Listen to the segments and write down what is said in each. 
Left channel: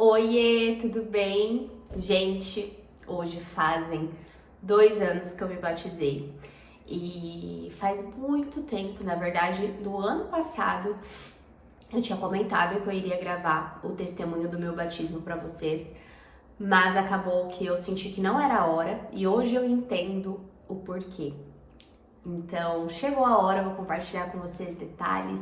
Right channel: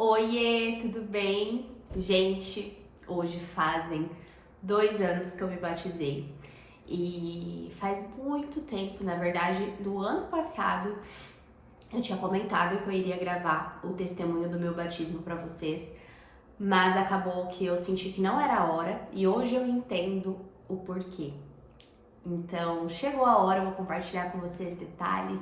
Oiê, tudo bem? Gente, hoje fazem 2 anos que eu me batizei e faz muito tempo, na verdade, do ano passado, eu tinha comentado que eu iria gravar o testemunho do meu batismo pra vocês, mas acabou que eu senti que não era a hora e hoje eu entendo o porquê. Então, chegou a hora, eu vou compartilhar com vocês detalhes.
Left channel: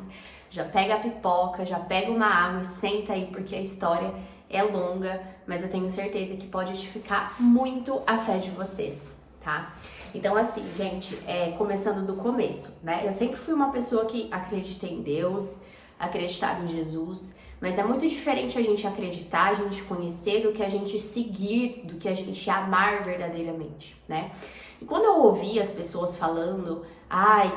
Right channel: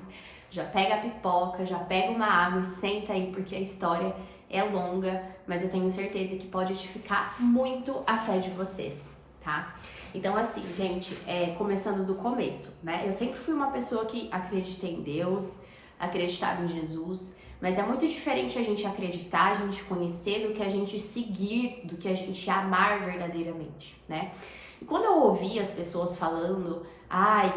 Já pega a pipoca, já pega uma água e senta aí, porque a história é longa, mas eu tenho certeza que pode edificar muito a fé de vocês, tá? Então, assim, gente, começando do começo, né? Eu sempre fui uma pessoa que acredita em Deus, acreditava em Jesus, mas é muito diferente a gente acreditar, a gente conhecer, do que a gente seguir, do que a gente amar verdadeiramente, né? E quando eu ouvi as pessoas falando,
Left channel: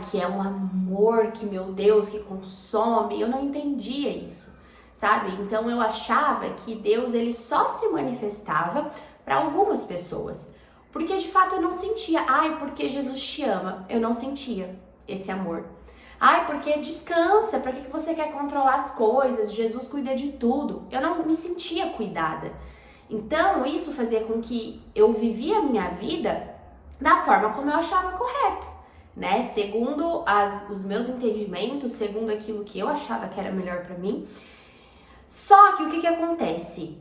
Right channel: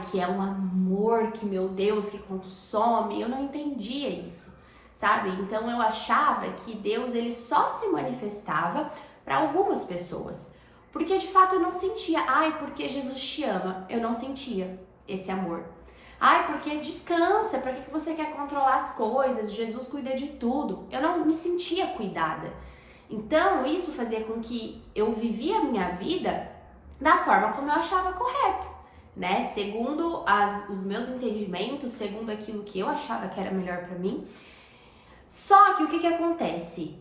que é um amor, que meu Deus, que consome, eu não entendia isso, sabe? Então eu achava que Deus, ele só se manifestava para algumas pessoas, porque de fato eu não sentia, porque Jesus te ama, eu não sentia esse amor. Porque descansa, pra que você quer controlar as coisas? Jesus cuida de tudo. Eu não me sentia cuidada. Então isso fazia com que eu vivia a minha vida da forma como eu achava correto, né? Segundo os meus entendimentos, segundo aquilo que eu achava que era melhor pra mim. Só que o que acontece?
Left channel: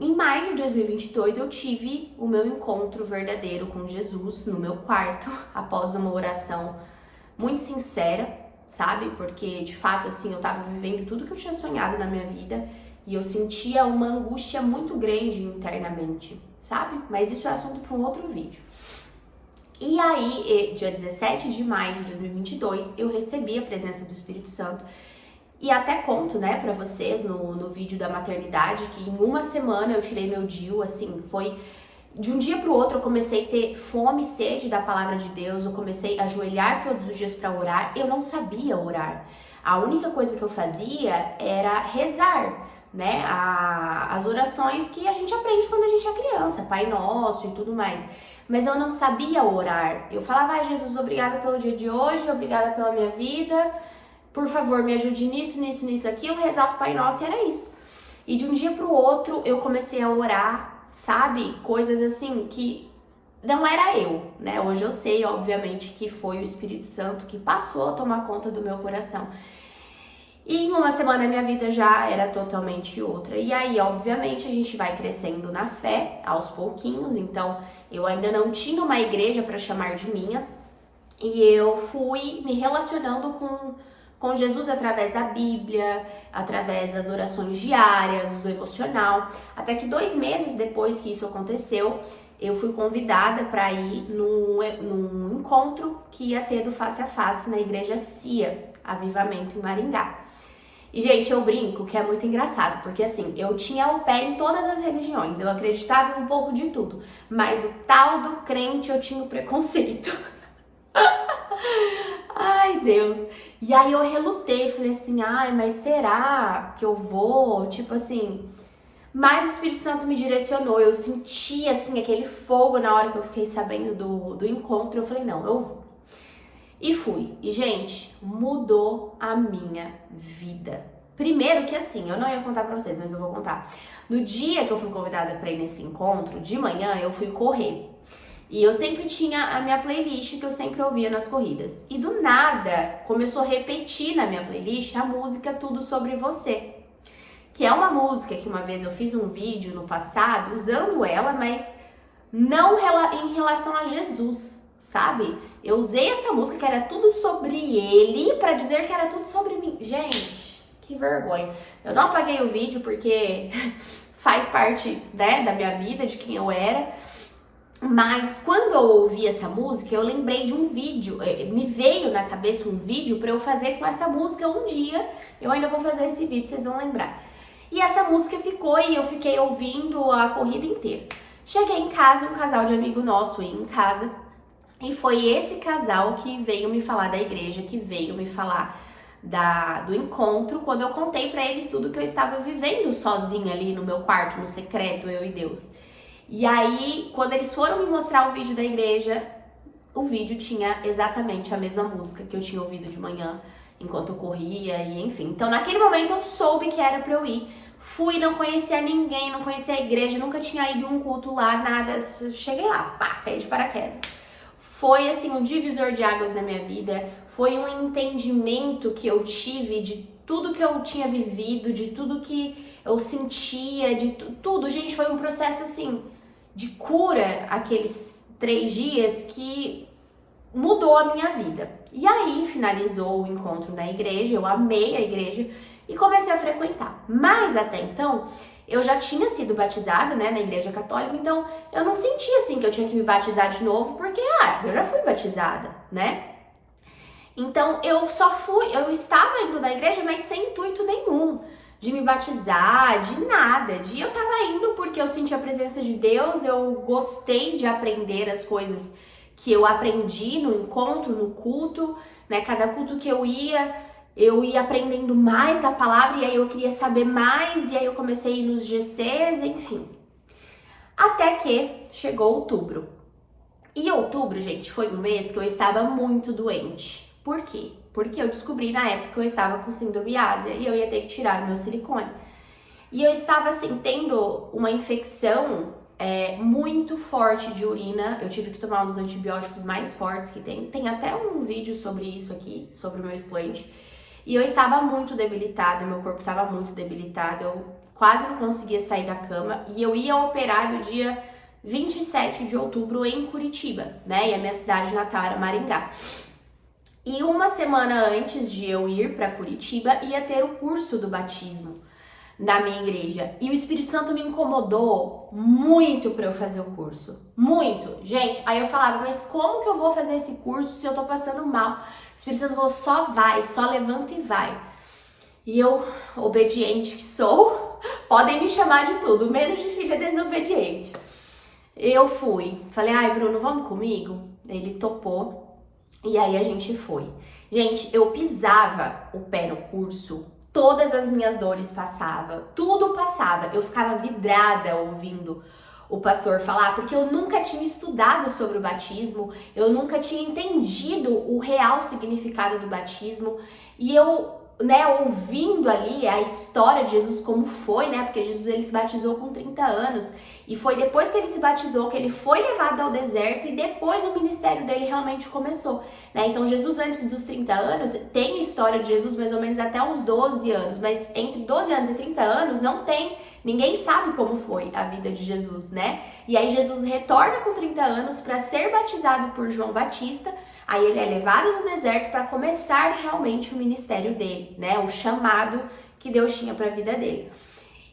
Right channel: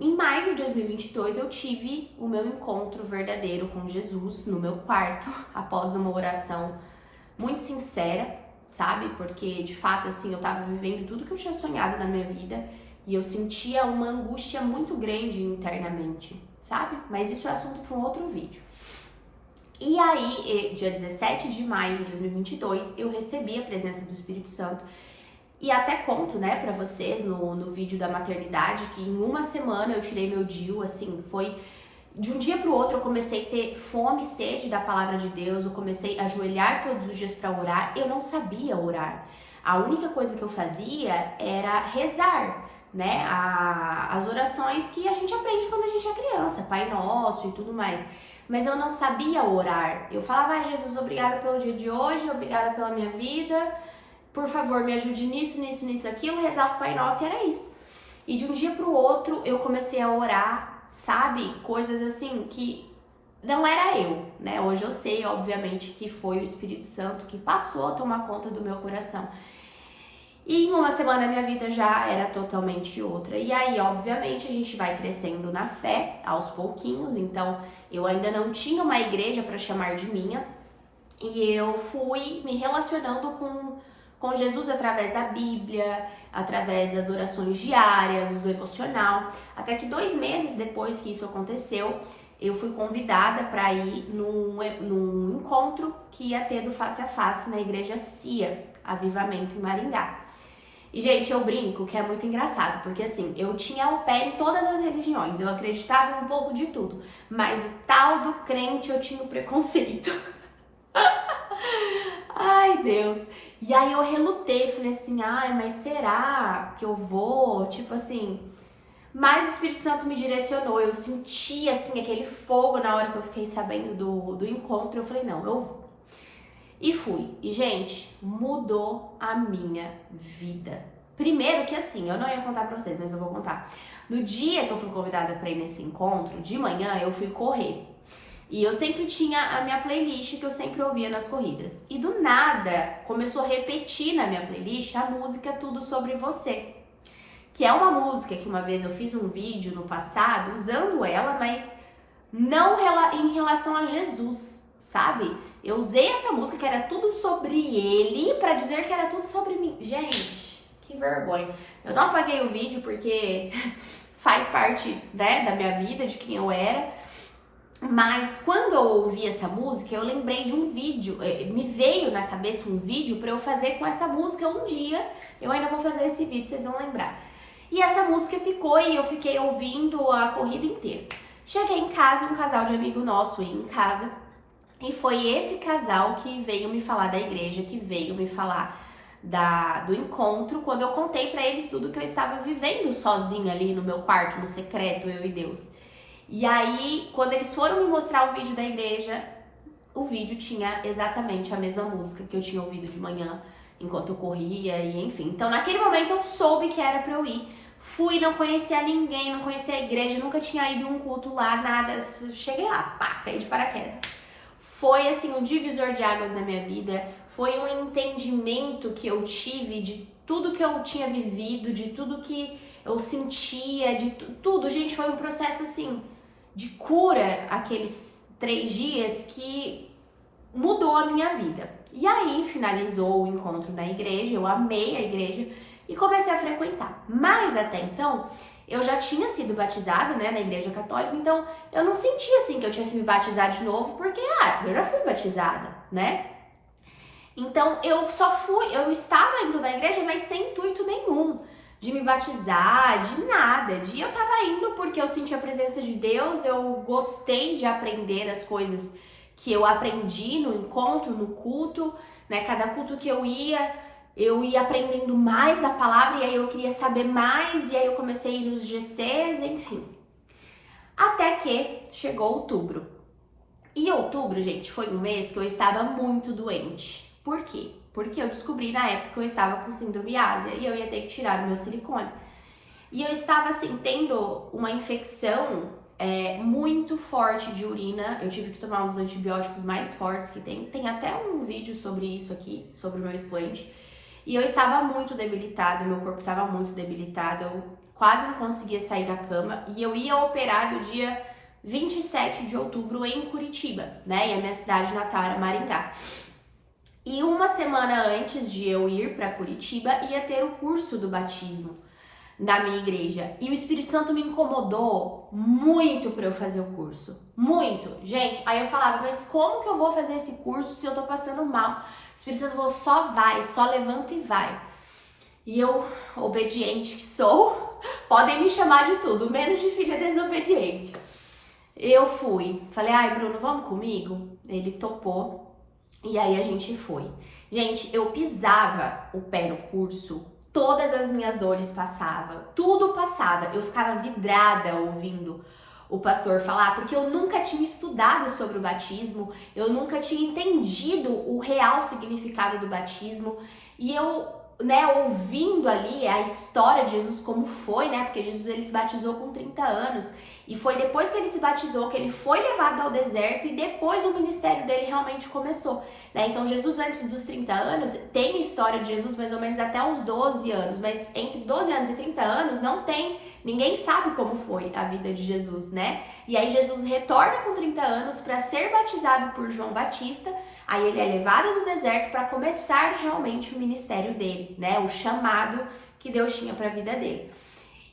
Em maio de 2022 eu tive o meu encontro verdadeiro com Jesus no meu quarto, após uma oração muito sincera, sabe? Porque de fato, assim, eu tava vivendo tudo que eu tinha sonhado na minha vida e eu sentia uma angústia muito grande internamente, sabe? Mas isso é assunto para um outro vídeo. E aí, dia 17 de maio de 2022, eu recebi a presença do Espírito Santo. E até conto, né, pra vocês no vídeo da maternidade, que em uma semana eu tirei meu DIU, assim, foi... De um dia pro outro eu comecei a ter fome e sede da palavra de Deus, eu comecei a ajoelhar todos os dias pra orar, eu não sabia orar. A única coisa que eu fazia era rezar, né, as orações que a gente aprende quando a gente é criança, Pai Nosso e tudo mais. Mas eu não sabia orar. Eu falava, Jesus, obrigada pelo dia de hoje, obrigada pela minha vida, por favor, me ajude nisso, aquilo, rezava o Pai Nosso e era isso. E de um dia pro outro eu comecei a orar, sabe? Coisas assim que não era eu, né? Hoje eu sei, obviamente, que foi o Espírito Santo que passou a tomar conta do meu coração. E em uma semana a minha vida já era totalmente outra. E aí, obviamente, a gente vai crescendo na fé, aos pouquinhos. Então, eu ainda não tinha uma igreja para chamar de minha. E eu fui me relacionando com Jesus através da Bíblia, através das orações diárias, do devocional. Até que 2 meses depois que isso aconteceu, eu fui convidada para ir num encontro que ia ter do Face a Face na igreja CIA, Avivamento em Maringá. E, gente, eu brinco que é muito engraçado, porque assim, eu tinha o pé em todas as religiões, eu acreditava em um pouco de tudo, mas o tal do crente eu tinha o preconceito. Ai, Deus. E aí eu relutei, falei assim, mas será que eu vou? Tipo assim, mas o Espírito Santo me direcionou, eu senti assim aquele fogo na hora que eu fiquei sabendo do encontro, eu falei, não, eu vou. E fui. E, gente, mudou a minha vida. Primeiro que assim, eu não ia contar pra vocês, mas eu vou contar. No dia que eu fui convidada pra ir nesse encontro, de manhã eu fui correr. E eu sempre tinha a minha playlist que eu sempre ouvia nas corridas. E do nada, começou a repetir na minha playlist a música Tudo Sobre Você. Que é uma música que uma vez eu fiz um vídeo no passado usando ela, mas não em relação a Jesus, sabe? Eu usei essa música que era tudo sobre ele pra dizer que era tudo sobre mim. Gente, que vergonha. Eu não apaguei o vídeo porque faz parte, né, da minha vida, de quem eu era. Mas quando eu ouvi essa música, eu lembrei de um vídeo, me veio na cabeça um vídeo pra eu fazer com essa música um dia. Eu ainda vou fazer esse vídeo, vocês vão lembrar. E essa música ficou e eu fiquei ouvindo a corrida inteira. Cheguei em casa, um casal de amigo nosso ia em casa. E foi esse casal que veio me falar da igreja, que veio me falar do encontro, quando eu contei pra eles tudo que eu estava vivendo sozinha ali no meu quarto, no secreto, eu e Deus. E aí, quando eles foram me mostrar o vídeo da igreja, o vídeo tinha exatamente a mesma música que eu tinha ouvido de manhã, enquanto eu corria e enfim. Então, naquele momento eu soube que era pra eu ir. Fui, não conhecia ninguém, não conhecia a igreja, nunca tinha ido em um culto lá, nada. Cheguei lá, pá, caí de paraquedas. Foi assim um divisor de águas na minha vida, foi um entendimento que eu tive de tudo que eu tinha vivido, de tudo que eu sentia, de tudo. Gente, foi um processo assim de cura aqueles 3 dias que mudou a minha vida. E aí finalizou o encontro na igreja, eu amei a igreja e comecei a frequentar. Mas até então, eu já tinha sido batizada, né, na igreja católica, então eu não sentia assim que eu tinha que me batizar de novo, porque, eu já fui batizada, né? Então eu estava indo na igreja, mas sem intuito nenhum de me batizar, de nada. Eu tava indo porque eu senti a presença de Deus, eu gostei de aprender as coisas que eu aprendi no encontro, no culto, né? Cada culto que eu ia aprendendo mais da palavra e aí eu queria saber mais e aí eu comecei a ir nos GCs, enfim. Até que chegou outubro. E outubro, gente, foi um mês que eu estava muito doente. Por quê? Porque eu descobri na época que eu estava com síndrome ásia e eu ia ter que tirar o meu silicone. E eu estava assim, tendo uma infecção muito forte de urina. Eu tive que tomar um dos antibióticos mais fortes que tem. Tem até um vídeo sobre isso aqui, sobre o meu expoente. E eu estava muito debilitada, meu corpo estava muito debilitado, eu quase não conseguia sair da cama. E eu ia operar do dia 27 de outubro em Curitiba, né? E a minha cidade natal era Maringá. E uma semana antes de eu ir para Curitiba, ia ter o curso do batismo na minha igreja. E o Espírito Santo me incomodou muito para eu fazer o curso. Muito. Gente, aí eu falava, mas como que eu vou fazer esse curso se eu tô passando mal? O Espírito Santo falou, só vai, só levanta e vai. E eu, obediente que sou, podem me chamar de tudo, menos de filha desobediente. Eu fui. Falei, ai, Bruno, vamos comigo? Ele topou. E aí a gente foi. Gente, eu pisava o pé no curso, todas as minhas dores passavam, tudo passava. Eu ficava vidrada ouvindo o pastor falar, porque eu nunca tinha estudado sobre o batismo, eu nunca tinha entendido o real significado do batismo. E eu, né, ouvindo ali a história de Jesus como foi, né, porque Jesus ele se batizou com 30 anos, e foi depois que ele se batizou que ele foi levado ao deserto e depois o ministério dele realmente começou, né? Então Jesus antes dos 30 anos, tem a história de Jesus mais ou menos até uns 12 anos, mas entre 12 anos e 30 anos não tem, ninguém sabe como foi a vida de Jesus, né? E aí Jesus retorna com 30 anos para ser batizado por João Batista, aí ele é levado no deserto para começar realmente o ministério dele, né? O chamado que Deus tinha para a vida dele.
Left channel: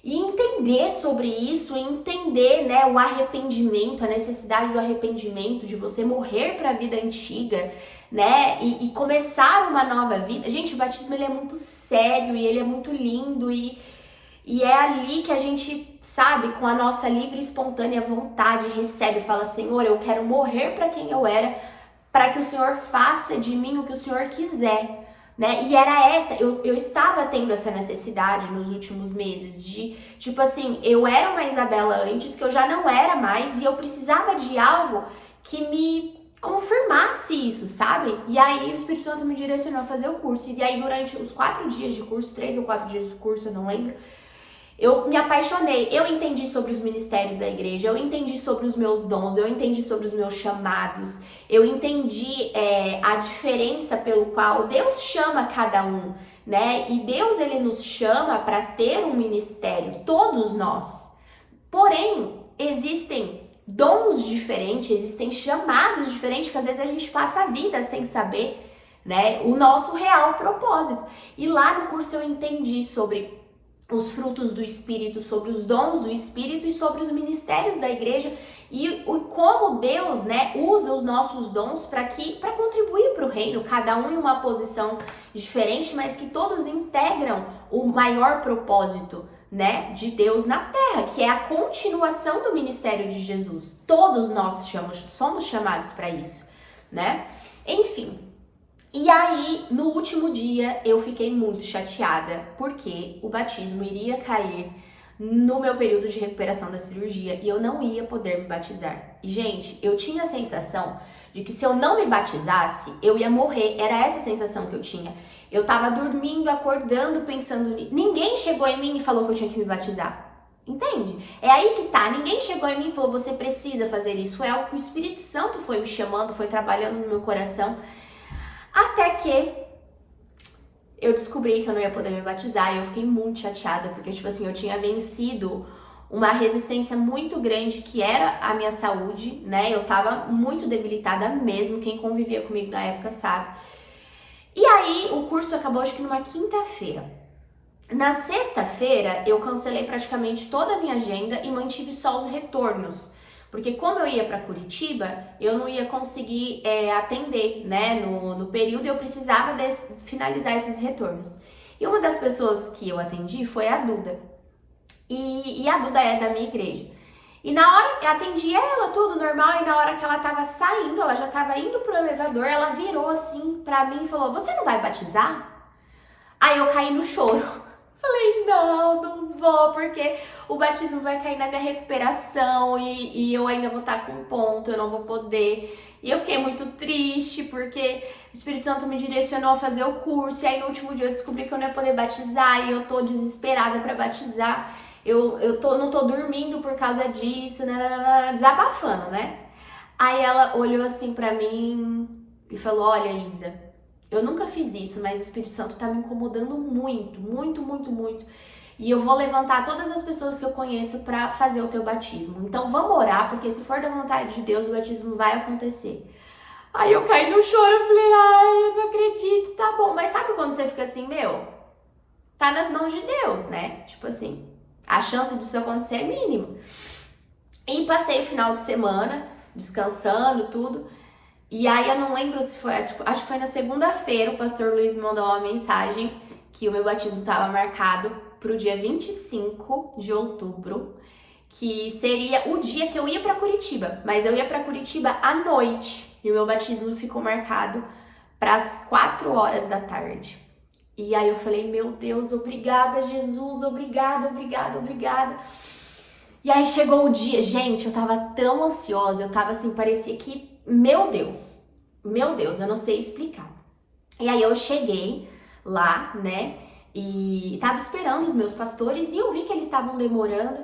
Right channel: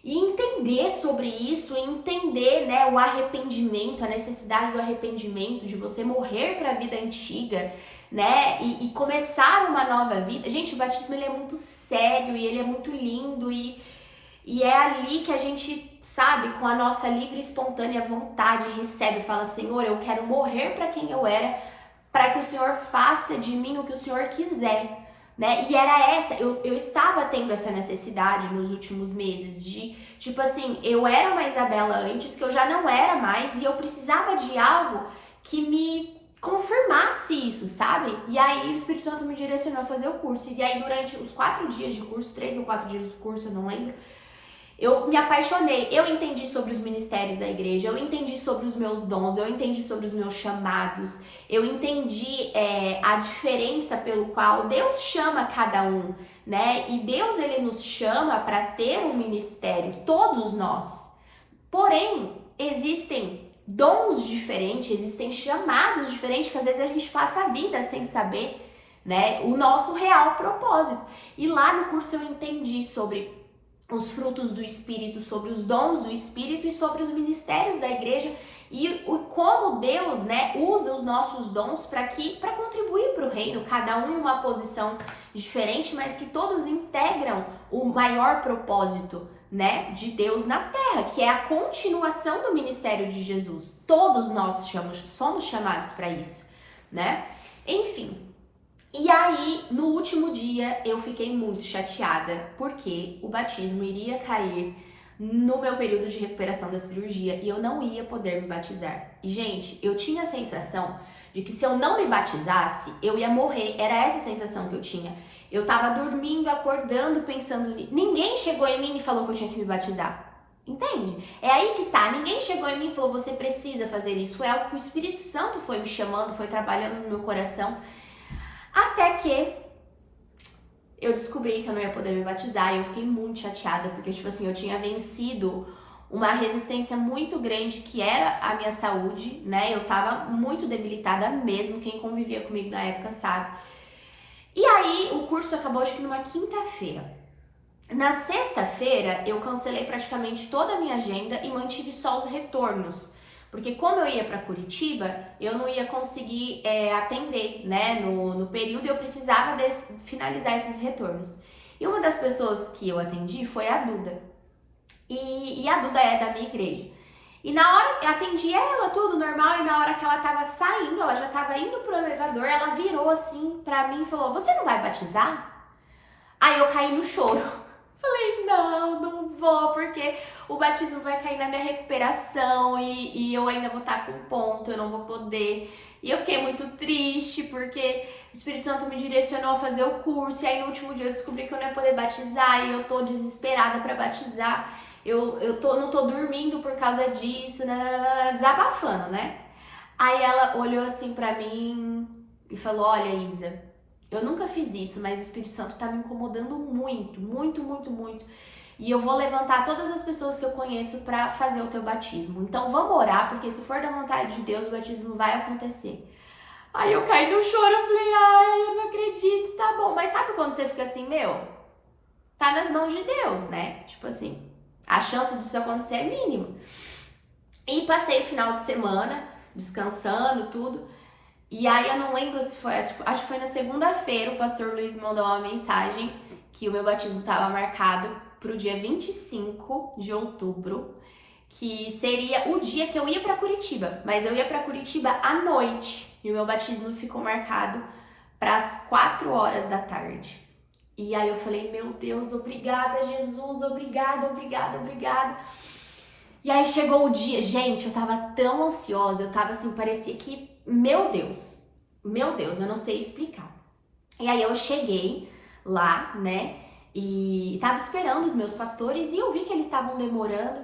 E entender sobre isso, entender, né, o arrependimento, a necessidade do arrependimento, de você morrer para a vida antiga, né, e começar uma nova vida. Gente, o batismo ele é muito sério e ele é muito lindo e é ali que a gente, sabe, com a nossa livre e espontânea vontade, recebe e fala, Senhor, eu quero morrer para quem eu era, para que o Senhor faça de mim o que o Senhor quiser. Né? E era eu estava tendo essa necessidade nos últimos meses de, tipo assim, eu era uma Isabela antes, que eu já não era mais, e eu precisava de algo que me confirmasse isso, sabe? E aí o Espírito Santo me direcionou a fazer o curso, e aí durante os 4 dias de curso, 3 ou 4 dias de curso, eu não lembro, eu me apaixonei, eu entendi sobre os ministérios da igreja, eu entendi sobre os meus dons, eu entendi sobre os meus chamados, eu entendi a diferença pelo qual Deus chama cada um, né? E Deus, ele nos chama para ter um ministério, todos nós. Porém, existem dons diferentes, existem chamados diferentes que às vezes a gente passa a vida sem saber, né? O nosso real propósito. E lá no curso eu entendi sobre os frutos do Espírito, sobre os dons do Espírito e sobre os ministérios da igreja e como Deus, né, usa os nossos dons para contribuir para o reino, cada um em uma posição diferente, mas que todos integram o maior propósito, né, de Deus na terra, que é a continuação do ministério de Jesus. Todos nós somos chamados para isso, né? Enfim. E aí, no último dia, eu fiquei muito chateada, porque o batismo iria cair no meu período de recuperação da cirurgia e eu não ia poder me batizar. E, gente, eu tinha a sensação de que se eu não me batizasse, eu ia morrer. Era essa a sensação que eu tinha. Eu tava dormindo, acordando, pensando nisso. Ninguém chegou em mim e falou que eu tinha que me batizar. Entende? É aí que tá. Ninguém chegou em mim e falou, você precisa fazer isso. Foi algo que o Espírito Santo foi me chamando, foi trabalhando no meu coração. Até que eu descobri que eu não ia poder me batizar e eu fiquei muito chateada, porque, tipo assim, eu tinha vencido uma resistência muito grande que era a minha saúde, né? Eu tava muito debilitada mesmo, quem convivia comigo na época sabe. E aí, o curso acabou, acho que numa quinta-feira. Na sexta-feira, eu cancelei praticamente toda a minha agenda e mantive só os retornos. Porque como eu ia para Curitiba, eu não ia conseguir atender, né, no período, eu precisava finalizar esses retornos. E uma das pessoas que eu atendi foi a Duda. E a Duda é da minha igreja. E na hora, eu atendi ela, tudo normal, e na hora que ela tava saindo, ela já tava indo pro elevador, ela virou assim pra mim e falou, você não vai batizar? Aí eu caí no choro. Falei, não vou, porque o batismo vai cair na minha recuperação e eu ainda vou estar com ponto, eu não vou poder. E eu fiquei muito triste, porque o Espírito Santo me direcionou a fazer o curso, e aí no último dia eu descobri que eu não ia poder batizar, e eu tô desesperada pra batizar. Eu não tô dormindo por causa disso, desabafando, né? Aí ela olhou assim pra mim e falou, olha, Isa, eu nunca fiz isso, mas o Espírito Santo tá me incomodando muito, muito, muito, muito. E eu vou levantar todas as pessoas que eu conheço pra fazer o teu batismo. Então vamos orar, porque se for da vontade de Deus, o batismo vai acontecer. Aí eu caí no choro, eu falei, ai, eu não acredito, tá bom. Mas sabe quando você fica assim, meu, tá nas mãos de Deus, né? Tipo assim, a chance disso acontecer é mínima. E passei o final de semana, descansando, tudo. E aí eu não lembro se foi, acho que foi na segunda-feira, o pastor Luiz me mandou uma mensagem que o meu batismo estava marcado pro dia 25 de outubro, que seria o dia que eu ia para Curitiba, mas eu ia para Curitiba à noite, e o meu batismo ficou marcado para as 4 horas da tarde. E aí eu falei, meu Deus, obrigada Jesus, obrigada, obrigada, obrigada. E aí chegou o dia, gente, eu tava tão ansiosa, eu tava assim, parecia que, meu Deus, eu não sei explicar. E aí eu cheguei lá, né, e tava esperando os meus pastores e eu vi que eles estavam demorando.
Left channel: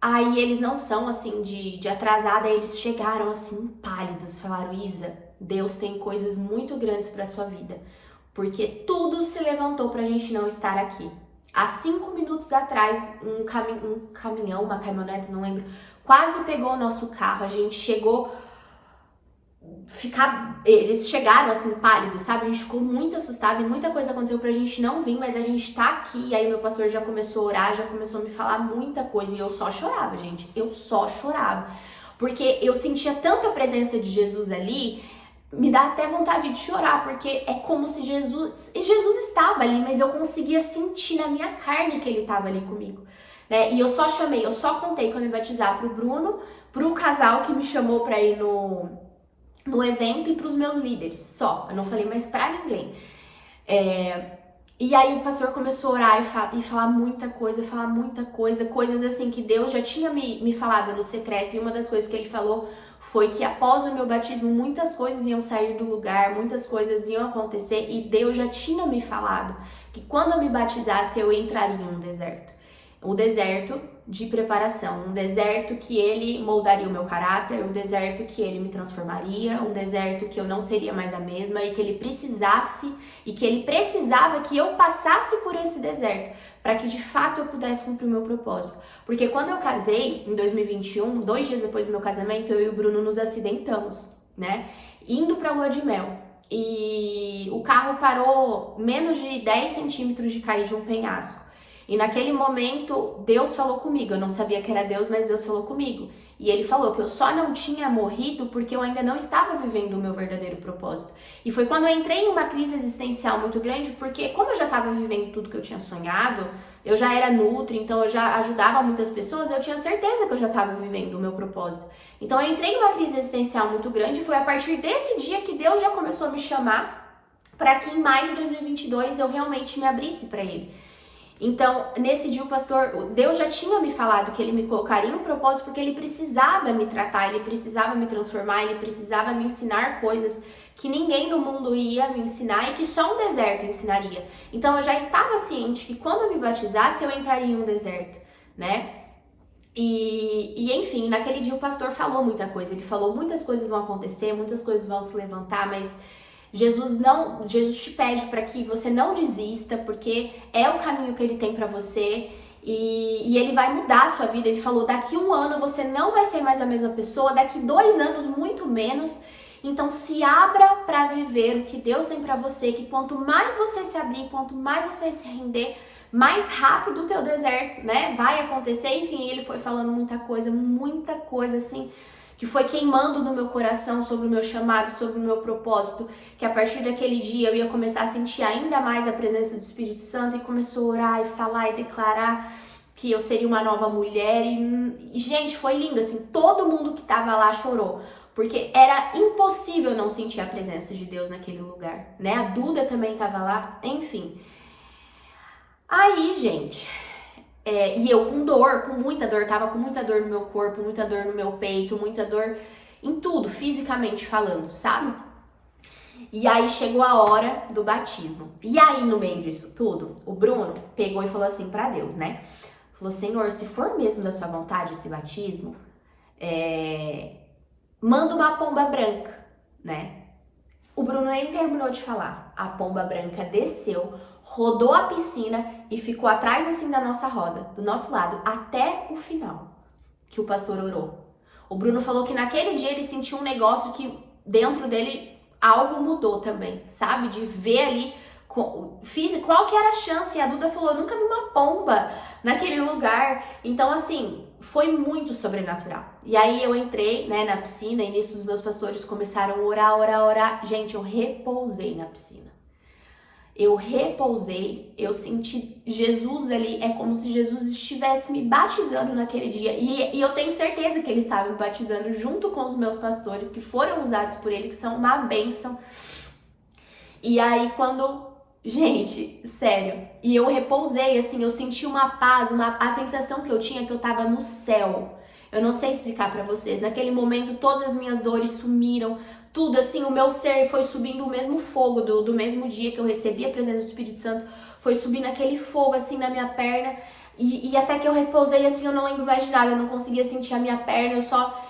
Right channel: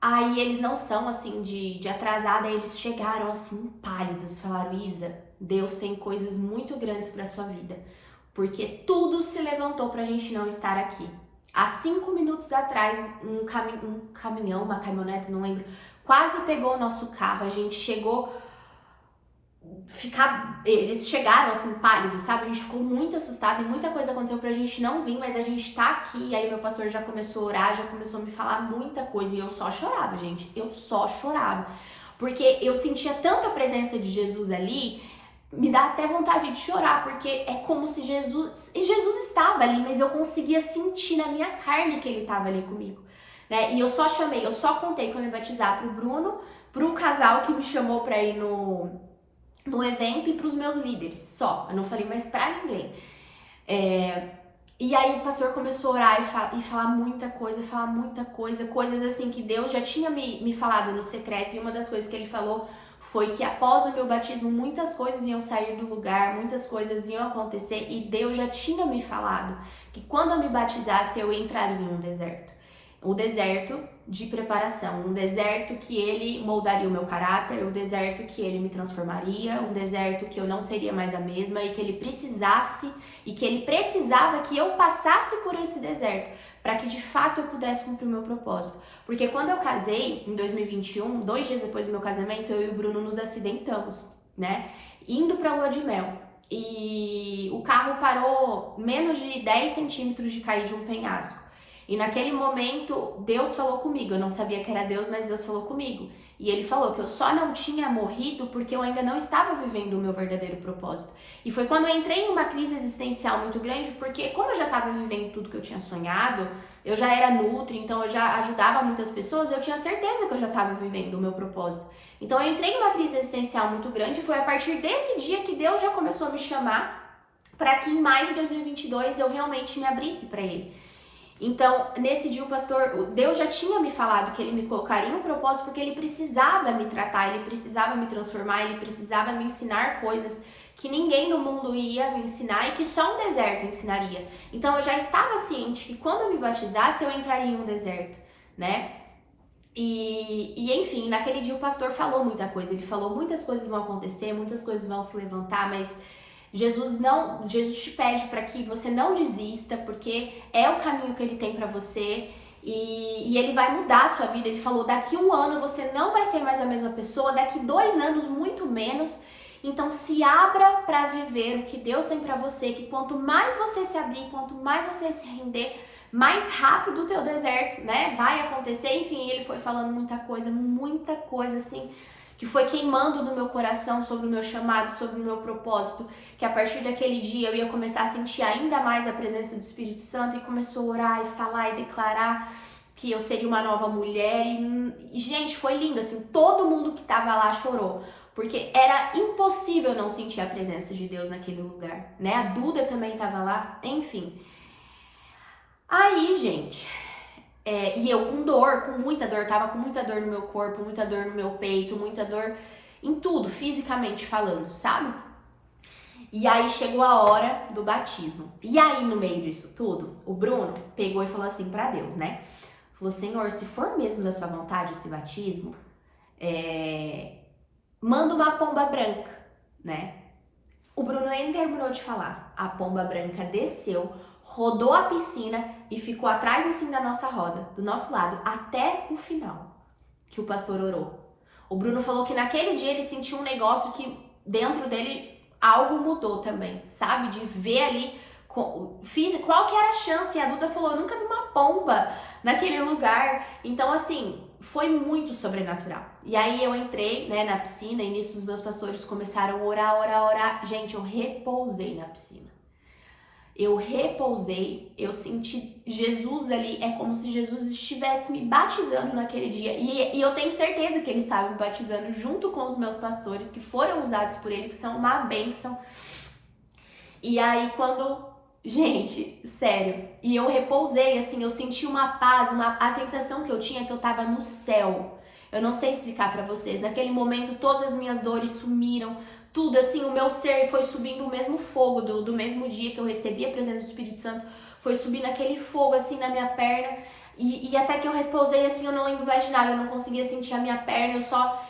Aí eles não são assim de atrasada, aí eles chegaram assim pálidos, falaram, Isa, Deus tem coisas muito grandes pra sua vida, porque tudo se levantou pra gente não estar aqui. Há 5 minutos atrás, um caminhão, uma caminhonete, não lembro, quase pegou o nosso carro, a gente chegou... Eles chegaram assim pálidos, sabe? A gente ficou muito assustado e muita coisa aconteceu pra gente não vir, mas a gente tá aqui. E aí o meu pastor já começou a orar, já começou a me falar muita coisa e eu só chorava, gente. Eu só chorava, porque eu sentia tanta presença de Jesus ali, me dá até vontade de chorar, porque é como se Jesus estava ali, mas eu conseguia sentir na minha carne que ele estava ali comigo, né? E eu só contei que eu ia me batizar pro Bruno, pro casal que me chamou pra ir no evento e para os meus líderes, só. Eu não falei mais para ninguém. E aí o pastor começou a orar e falar muita coisa, coisas assim que Deus já tinha me falado no secreto, e uma das coisas que ele falou foi que após o meu batismo muitas coisas iam sair do lugar, muitas coisas iam acontecer, e Deus já tinha me falado que quando eu me batizasse eu entraria em um deserto. Um deserto de preparação, um deserto que ele moldaria o meu caráter, um deserto que ele me transformaria, um deserto que eu não seria mais a mesma e que ele precisava que eu passasse por esse deserto para que de fato eu pudesse cumprir o meu propósito. Porque quando eu casei, em 2021, 2 dias depois do meu casamento, eu e o Bruno nos acidentamos, né? Indo pra lua de mel. E o carro parou menos de 10 centímetros de cair de um penhasco. E naquele momento, Deus falou comigo. Eu não sabia que era Deus, mas Deus falou comigo. E ele falou que eu só não tinha morrido porque eu ainda não estava vivendo o meu verdadeiro propósito. E foi quando eu entrei em uma crise existencial muito grande, porque como eu já estava vivendo tudo que eu tinha sonhado, eu já era nutri, então eu já ajudava muitas pessoas, eu tinha certeza que eu já estava vivendo o meu propósito. Então eu entrei em uma crise existencial muito grande, e foi a partir desse dia que Deus já começou a me chamar para que em maio de 2022 eu realmente me abrisse para ele. Então, nesse dia Deus já tinha me falado que ele me colocaria em um propósito porque ele precisava me tratar, ele precisava me transformar, ele precisava me ensinar coisas que ninguém no mundo ia me ensinar e que só um deserto ensinaria. Então, eu já estava ciente que quando eu me batizasse, eu entraria em um deserto, né? E enfim, naquele dia o pastor falou muita coisa, ele falou muitas coisas vão acontecer, muitas coisas vão se levantar, mas Jesus te pede para que você não desista, porque é o caminho que ele tem para você e ele vai mudar a sua vida. Ele falou, daqui 1 ano você não vai ser mais a mesma pessoa, daqui 2 anos muito menos. Então se abra para viver o que Deus tem para você, que quanto mais você se abrir, quanto mais você se render, mais rápido o teu deserto, né, vai acontecer. Enfim, ele foi falando muita coisa assim, que foi queimando no meu coração sobre o meu chamado, sobre o meu propósito, que a partir daquele dia eu ia começar a sentir ainda mais a presença do Espírito Santo e começou a orar e falar e declarar que eu seria uma nova mulher e gente, foi lindo, assim, todo mundo que tava lá chorou, porque era impossível não sentir a presença de Deus naquele lugar, né? A Duda também tava lá, enfim. Aí, gente, e eu com dor, com muita dor, tava com muita dor no meu corpo, muita dor no meu peito, muita dor em tudo, fisicamente falando, sabe? E aí chegou a hora do batismo. E aí, no meio disso tudo, o Bruno pegou e falou assim pra Deus, né? Falou, Senhor, se for mesmo da sua vontade esse batismo, manda uma pomba branca, né? O Bruno nem terminou de falar. A pomba branca desceu, rodou a piscina e ficou atrás assim da nossa roda, do nosso lado, até o final que o pastor orou. O Bruno falou que naquele dia ele sentiu um negócio que dentro dele algo mudou também, sabe? De ver ali qual que era a chance. E a Duda falou, eu nunca vi uma pomba naquele lugar. Então, assim, foi muito sobrenatural. E aí eu entrei, né, na piscina e nisso os meus pastores começaram a orar. Gente, eu repousei na piscina. Eu repousei, eu senti Jesus ali, é como se Jesus estivesse me batizando naquele dia. E eu tenho certeza que ele estava me batizando junto com os meus pastores, que foram usados por ele, que são uma bênção. E aí gente, sério, e eu repousei, assim, eu senti uma paz, a sensação que eu tinha é que eu tava no céu. Eu não sei explicar pra vocês, naquele momento todas as minhas dores sumiram, tudo, assim, o meu ser foi subindo o mesmo fogo do mesmo dia que eu recebi a presença do Espírito Santo, foi subindo aquele fogo, assim, na minha perna, e até que eu repousei, assim, eu não lembro mais de nada, eu não conseguia sentir a minha perna,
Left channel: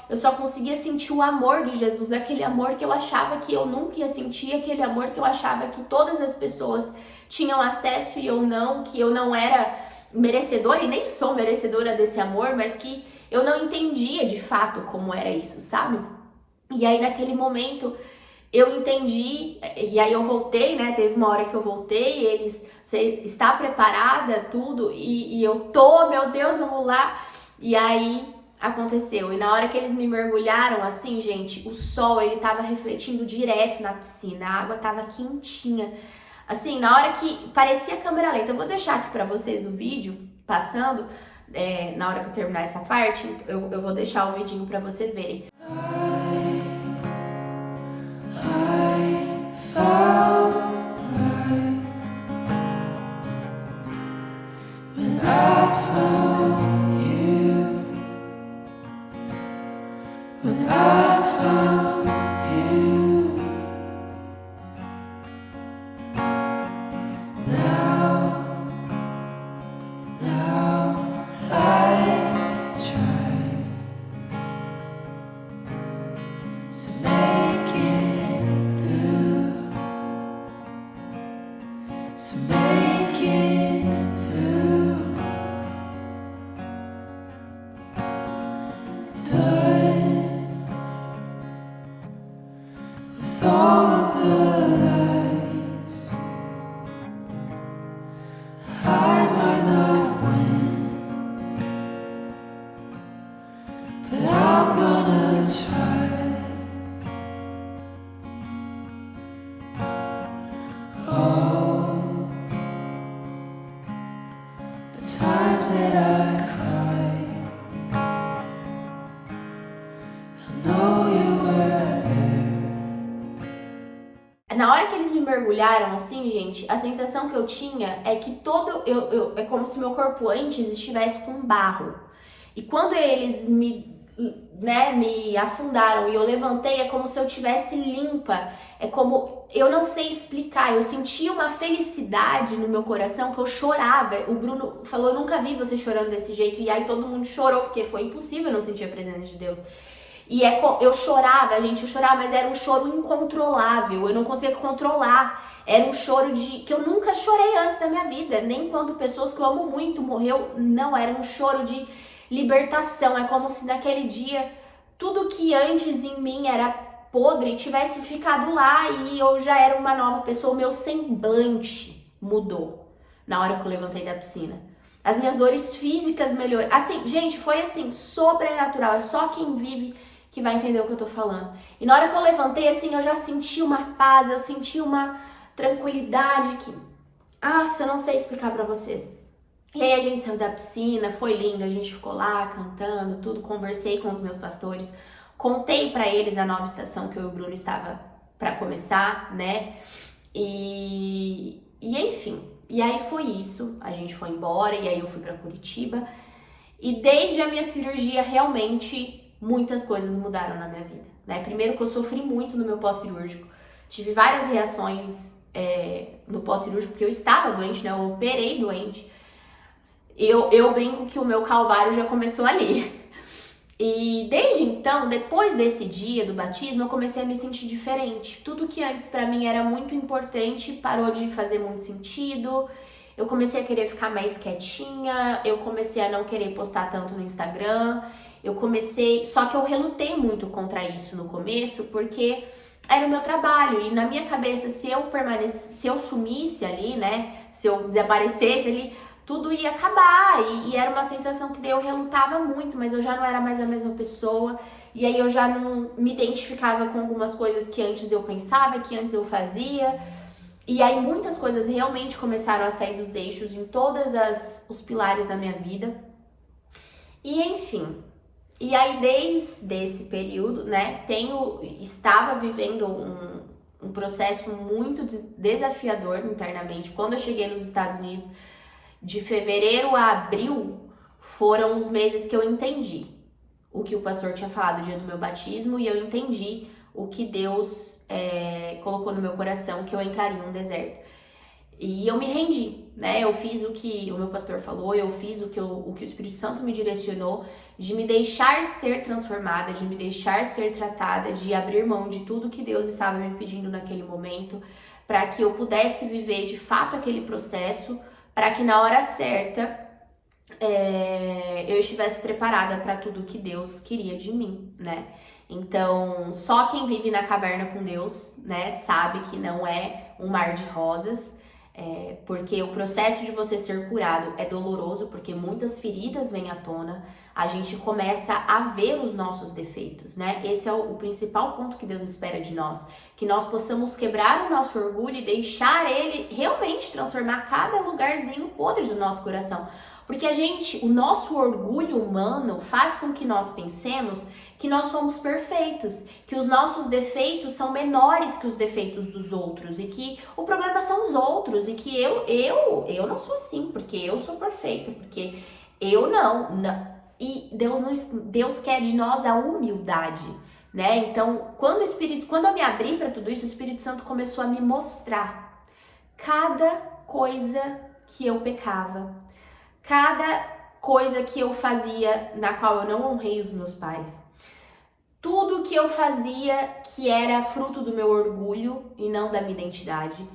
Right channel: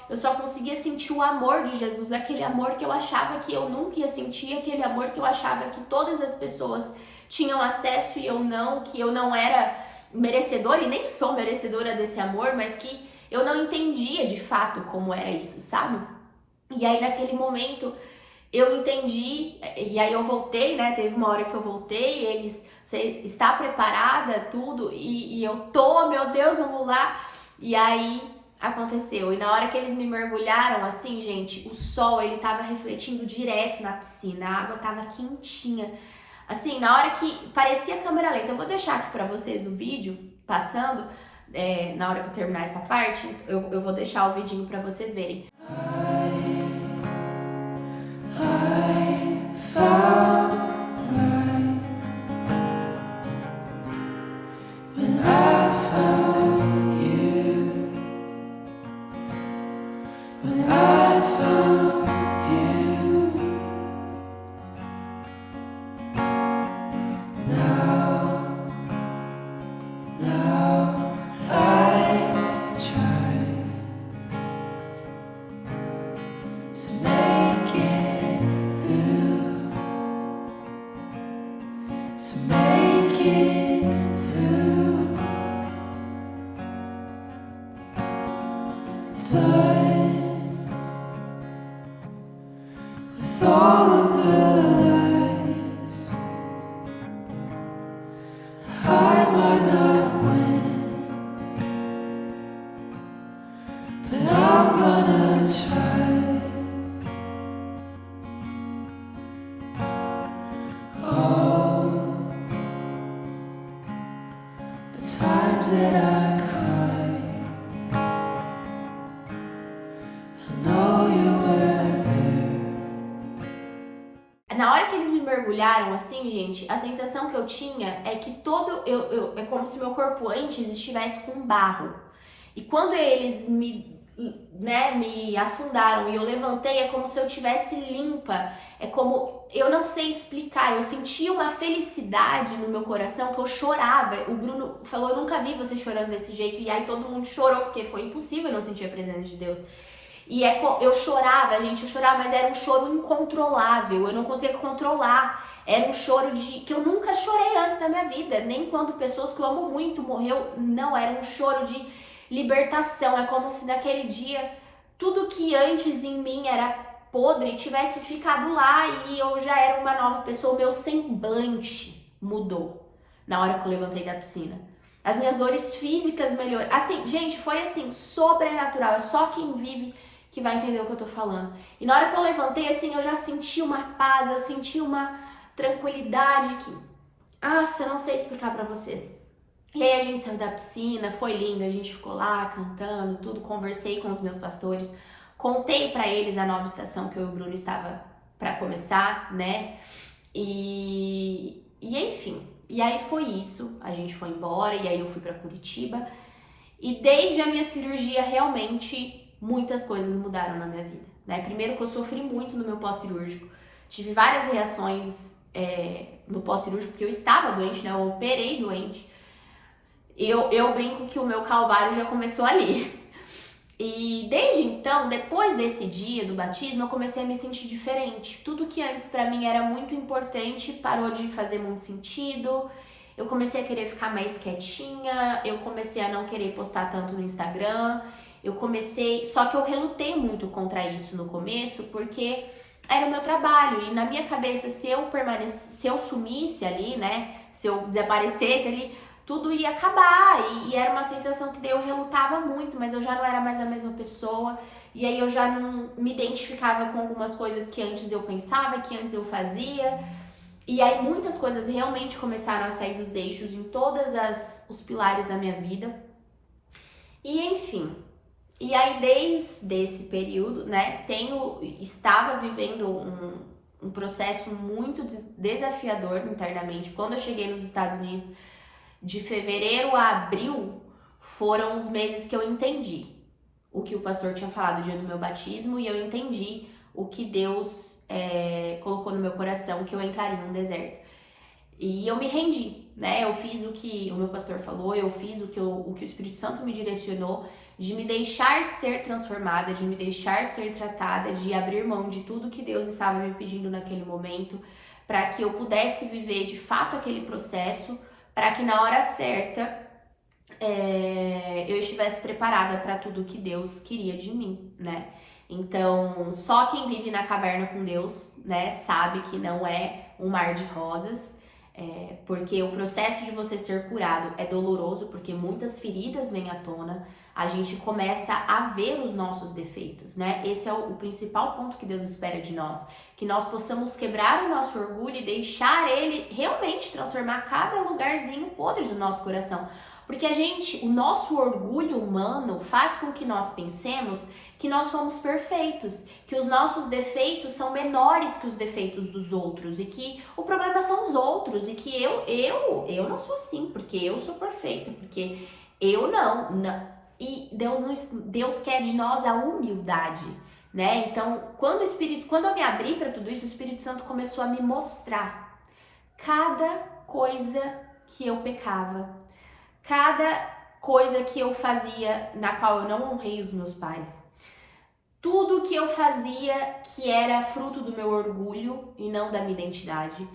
eu só conseguia sentir o amor de Jesus, aquele amor que eu achava que eu nunca ia sentir, aquele amor que eu achava que todas as pessoas tinham acesso e eu não, que eu não era merecedora, e nem sou merecedora desse amor, mas que eu não entendia de fato como era isso, sabe? E aí naquele momento eu entendi, e aí eu voltei, né? Teve uma hora que eu voltei, e eles, você está preparada, tudo, e eu tô, meu Deus, vamos lá. E aí aconteceu, e na hora que eles me mergulharam, assim, gente, o sol, ele tava refletindo direto na piscina, a água tava quentinha. Assim, na hora que parecia câmera lenta, eu vou deixar aqui pra vocês o vídeo passando, na hora que eu terminar essa parte, eu vou deixar o vidinho pra vocês verem. Na hora que eles me mergulharam assim, gente, a sensação que eu tinha é que é como se meu corpo antes estivesse com barro. E quando eles me afundaram e eu levantei, é como se eu tivesse limpa. É como, eu não sei explicar, eu senti uma felicidade no meu coração que eu chorava. O Bruno falou, eu nunca vi você chorando desse jeito. E aí todo mundo chorou, porque foi impossível não sentir a presença de Deus. E eu chorava, gente, eu chorava, mas era um choro incontrolável, eu não conseguia controlar. Era um choro que eu nunca chorei antes da minha vida, nem quando pessoas que eu amo muito morreu, não, era um choro de libertação. É como se naquele dia tudo que antes em mim era podre tivesse ficado lá e eu já era uma nova pessoa. O meu semblante mudou na hora que eu levantei da piscina. As minhas dores físicas melhoraram. Assim, gente, foi assim, sobrenatural. É só quem vive que vai entender o que eu tô falando. E na hora que eu levantei, assim, eu já senti uma paz, eu senti uma tranquilidade que... Nossa, eu não sei explicar pra vocês. E aí a gente saiu da piscina, foi lindo, a gente ficou lá cantando, tudo, conversei com os meus pastores, contei pra eles a nova estação que eu e o Bruno estava pra começar, né? E enfim, e aí foi isso, a gente foi embora e aí eu fui pra Curitiba. E desde a minha cirurgia, realmente, muitas coisas mudaram na minha vida, né? Primeiro que eu sofri muito no meu pós-cirúrgico, tive várias reações no pós-cirúrgico, porque eu estava doente, né? Eu operei doente. Eu brinco que o meu calvário já começou ali. E desde então, depois desse dia do batismo, eu comecei a me sentir diferente. Tudo que antes pra mim era muito importante parou de fazer muito sentido. Eu comecei a querer ficar mais quietinha, eu comecei a não querer postar tanto no Instagram. Só que eu relutei muito contra isso no começo, porque era o meu trabalho. E na minha cabeça, se eu sumisse ali, né, se eu desaparecesse ali, tudo ia acabar. E era uma sensação que daí eu relutava muito, mas eu já não era mais a mesma pessoa. E aí eu já não me identificava com algumas coisas que antes eu pensava, que antes eu fazia. E aí muitas coisas realmente começaram a sair dos eixos em todos os pilares da minha vida. E enfim, e aí desde esse período, né, estava vivendo um processo muito desafiador internamente. Quando eu cheguei nos Estados Unidos, de fevereiro a abril, foram os meses que eu entendi o que o pastor tinha falado no dia do meu batismo, e eu entendi o que Deus colocou no meu coração, que eu entraria em um deserto. E eu me rendi, né? Eu fiz o que o meu pastor falou, eu fiz o que o Espírito Santo me direcionou, de me deixar ser transformada, de me deixar ser tratada, de abrir mão de tudo que Deus estava me pedindo naquele momento, para que eu pudesse viver de fato aquele processo, para que na hora certa eu estivesse preparada para tudo que Deus queria de mim, né? Então, só quem vive na caverna com Deus, né, sabe que não é um mar de rosas, porque o processo de você ser curado é doloroso, porque muitas feridas vêm à tona, a gente começa a ver os nossos defeitos, né? Esse é o principal ponto que Deus espera de nós, que nós possamos quebrar o nosso orgulho e deixar ele realmente transformar cada lugarzinho podre do nosso coração. Porque o nosso orgulho humano faz com que nós pensemos que nós somos perfeitos, que os nossos defeitos são menores que os defeitos dos outros e que o problema são os outros e que eu não sou assim, porque eu sou perfeita, porque eu não. E Deus quer de nós a humildade, né? Então, quando eu me abri para tudo isso, o Espírito Santo começou a me mostrar cada coisa que eu pecava, cada coisa que eu fazia na qual eu não honrei os meus pais. Tudo que eu fazia que era fruto do meu orgulho e não da minha identidade.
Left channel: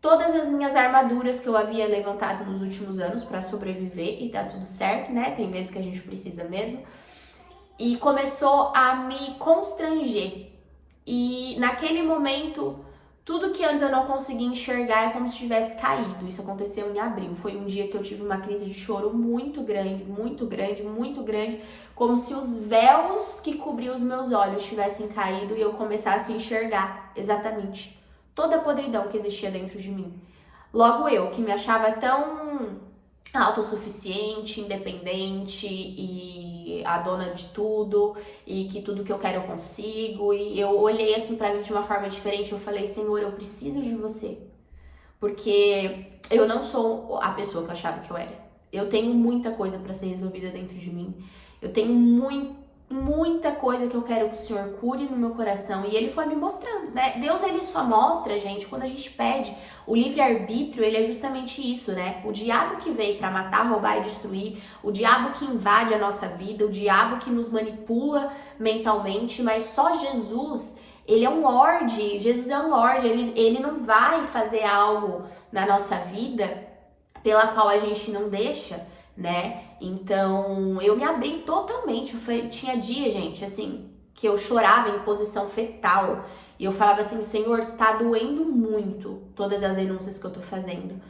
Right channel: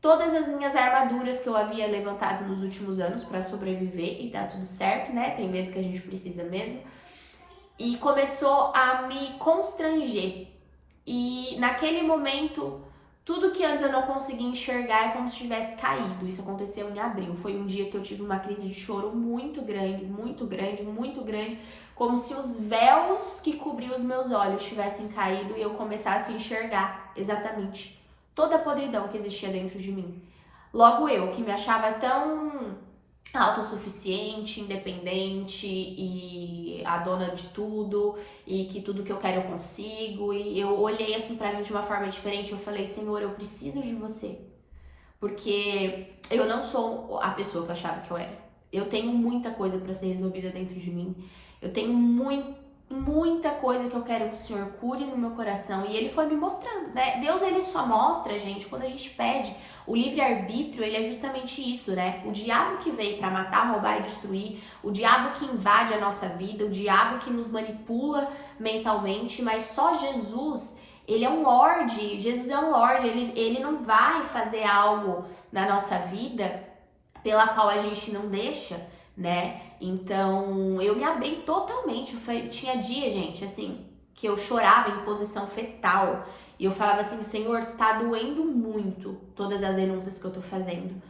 Todas as minhas armaduras que eu havia levantado nos últimos anos para sobreviver, e tá tudo certo, né? Tem vezes que a gente precisa mesmo. E começou a me constranger. E naquele momento, tudo que antes eu não conseguia enxergar é como se tivesse caído. Isso aconteceu em abril. Foi um dia que eu tive uma crise de choro muito grande, muito grande, muito grande. Como se os véus que cobriam os meus olhos tivessem caído e eu começasse a enxergar exatamente toda a podridão que existia dentro de mim. Logo eu, que me achava tão autossuficiente, independente e a dona de tudo e que tudo que eu quero eu consigo. E eu olhei assim pra mim de uma forma diferente. Eu falei, Senhor, eu preciso de você, porque eu não sou a pessoa que eu achava que eu era. Eu tenho muita coisa pra ser resolvida dentro de mim. Eu tenho muita coisa que eu quero que o Senhor cure no meu coração. E Ele foi me mostrando, né? Deus, Ele só mostra, gente, quando a gente pede. O livre-arbítrio, ele é justamente isso, né? O diabo que veio pra matar, roubar e destruir, o diabo que invade a nossa vida, o diabo que nos manipula mentalmente, mas só Jesus, Ele é um Lorde. Jesus é um Lorde. Ele não vai fazer algo na nossa vida pela qual a gente não deixa, né? Então, eu me abri totalmente. Tinha dia, gente, assim, que eu chorava em posição fetal. E eu falava assim, Senhor, tá doendo muito todas as denúncias que eu tô fazendo.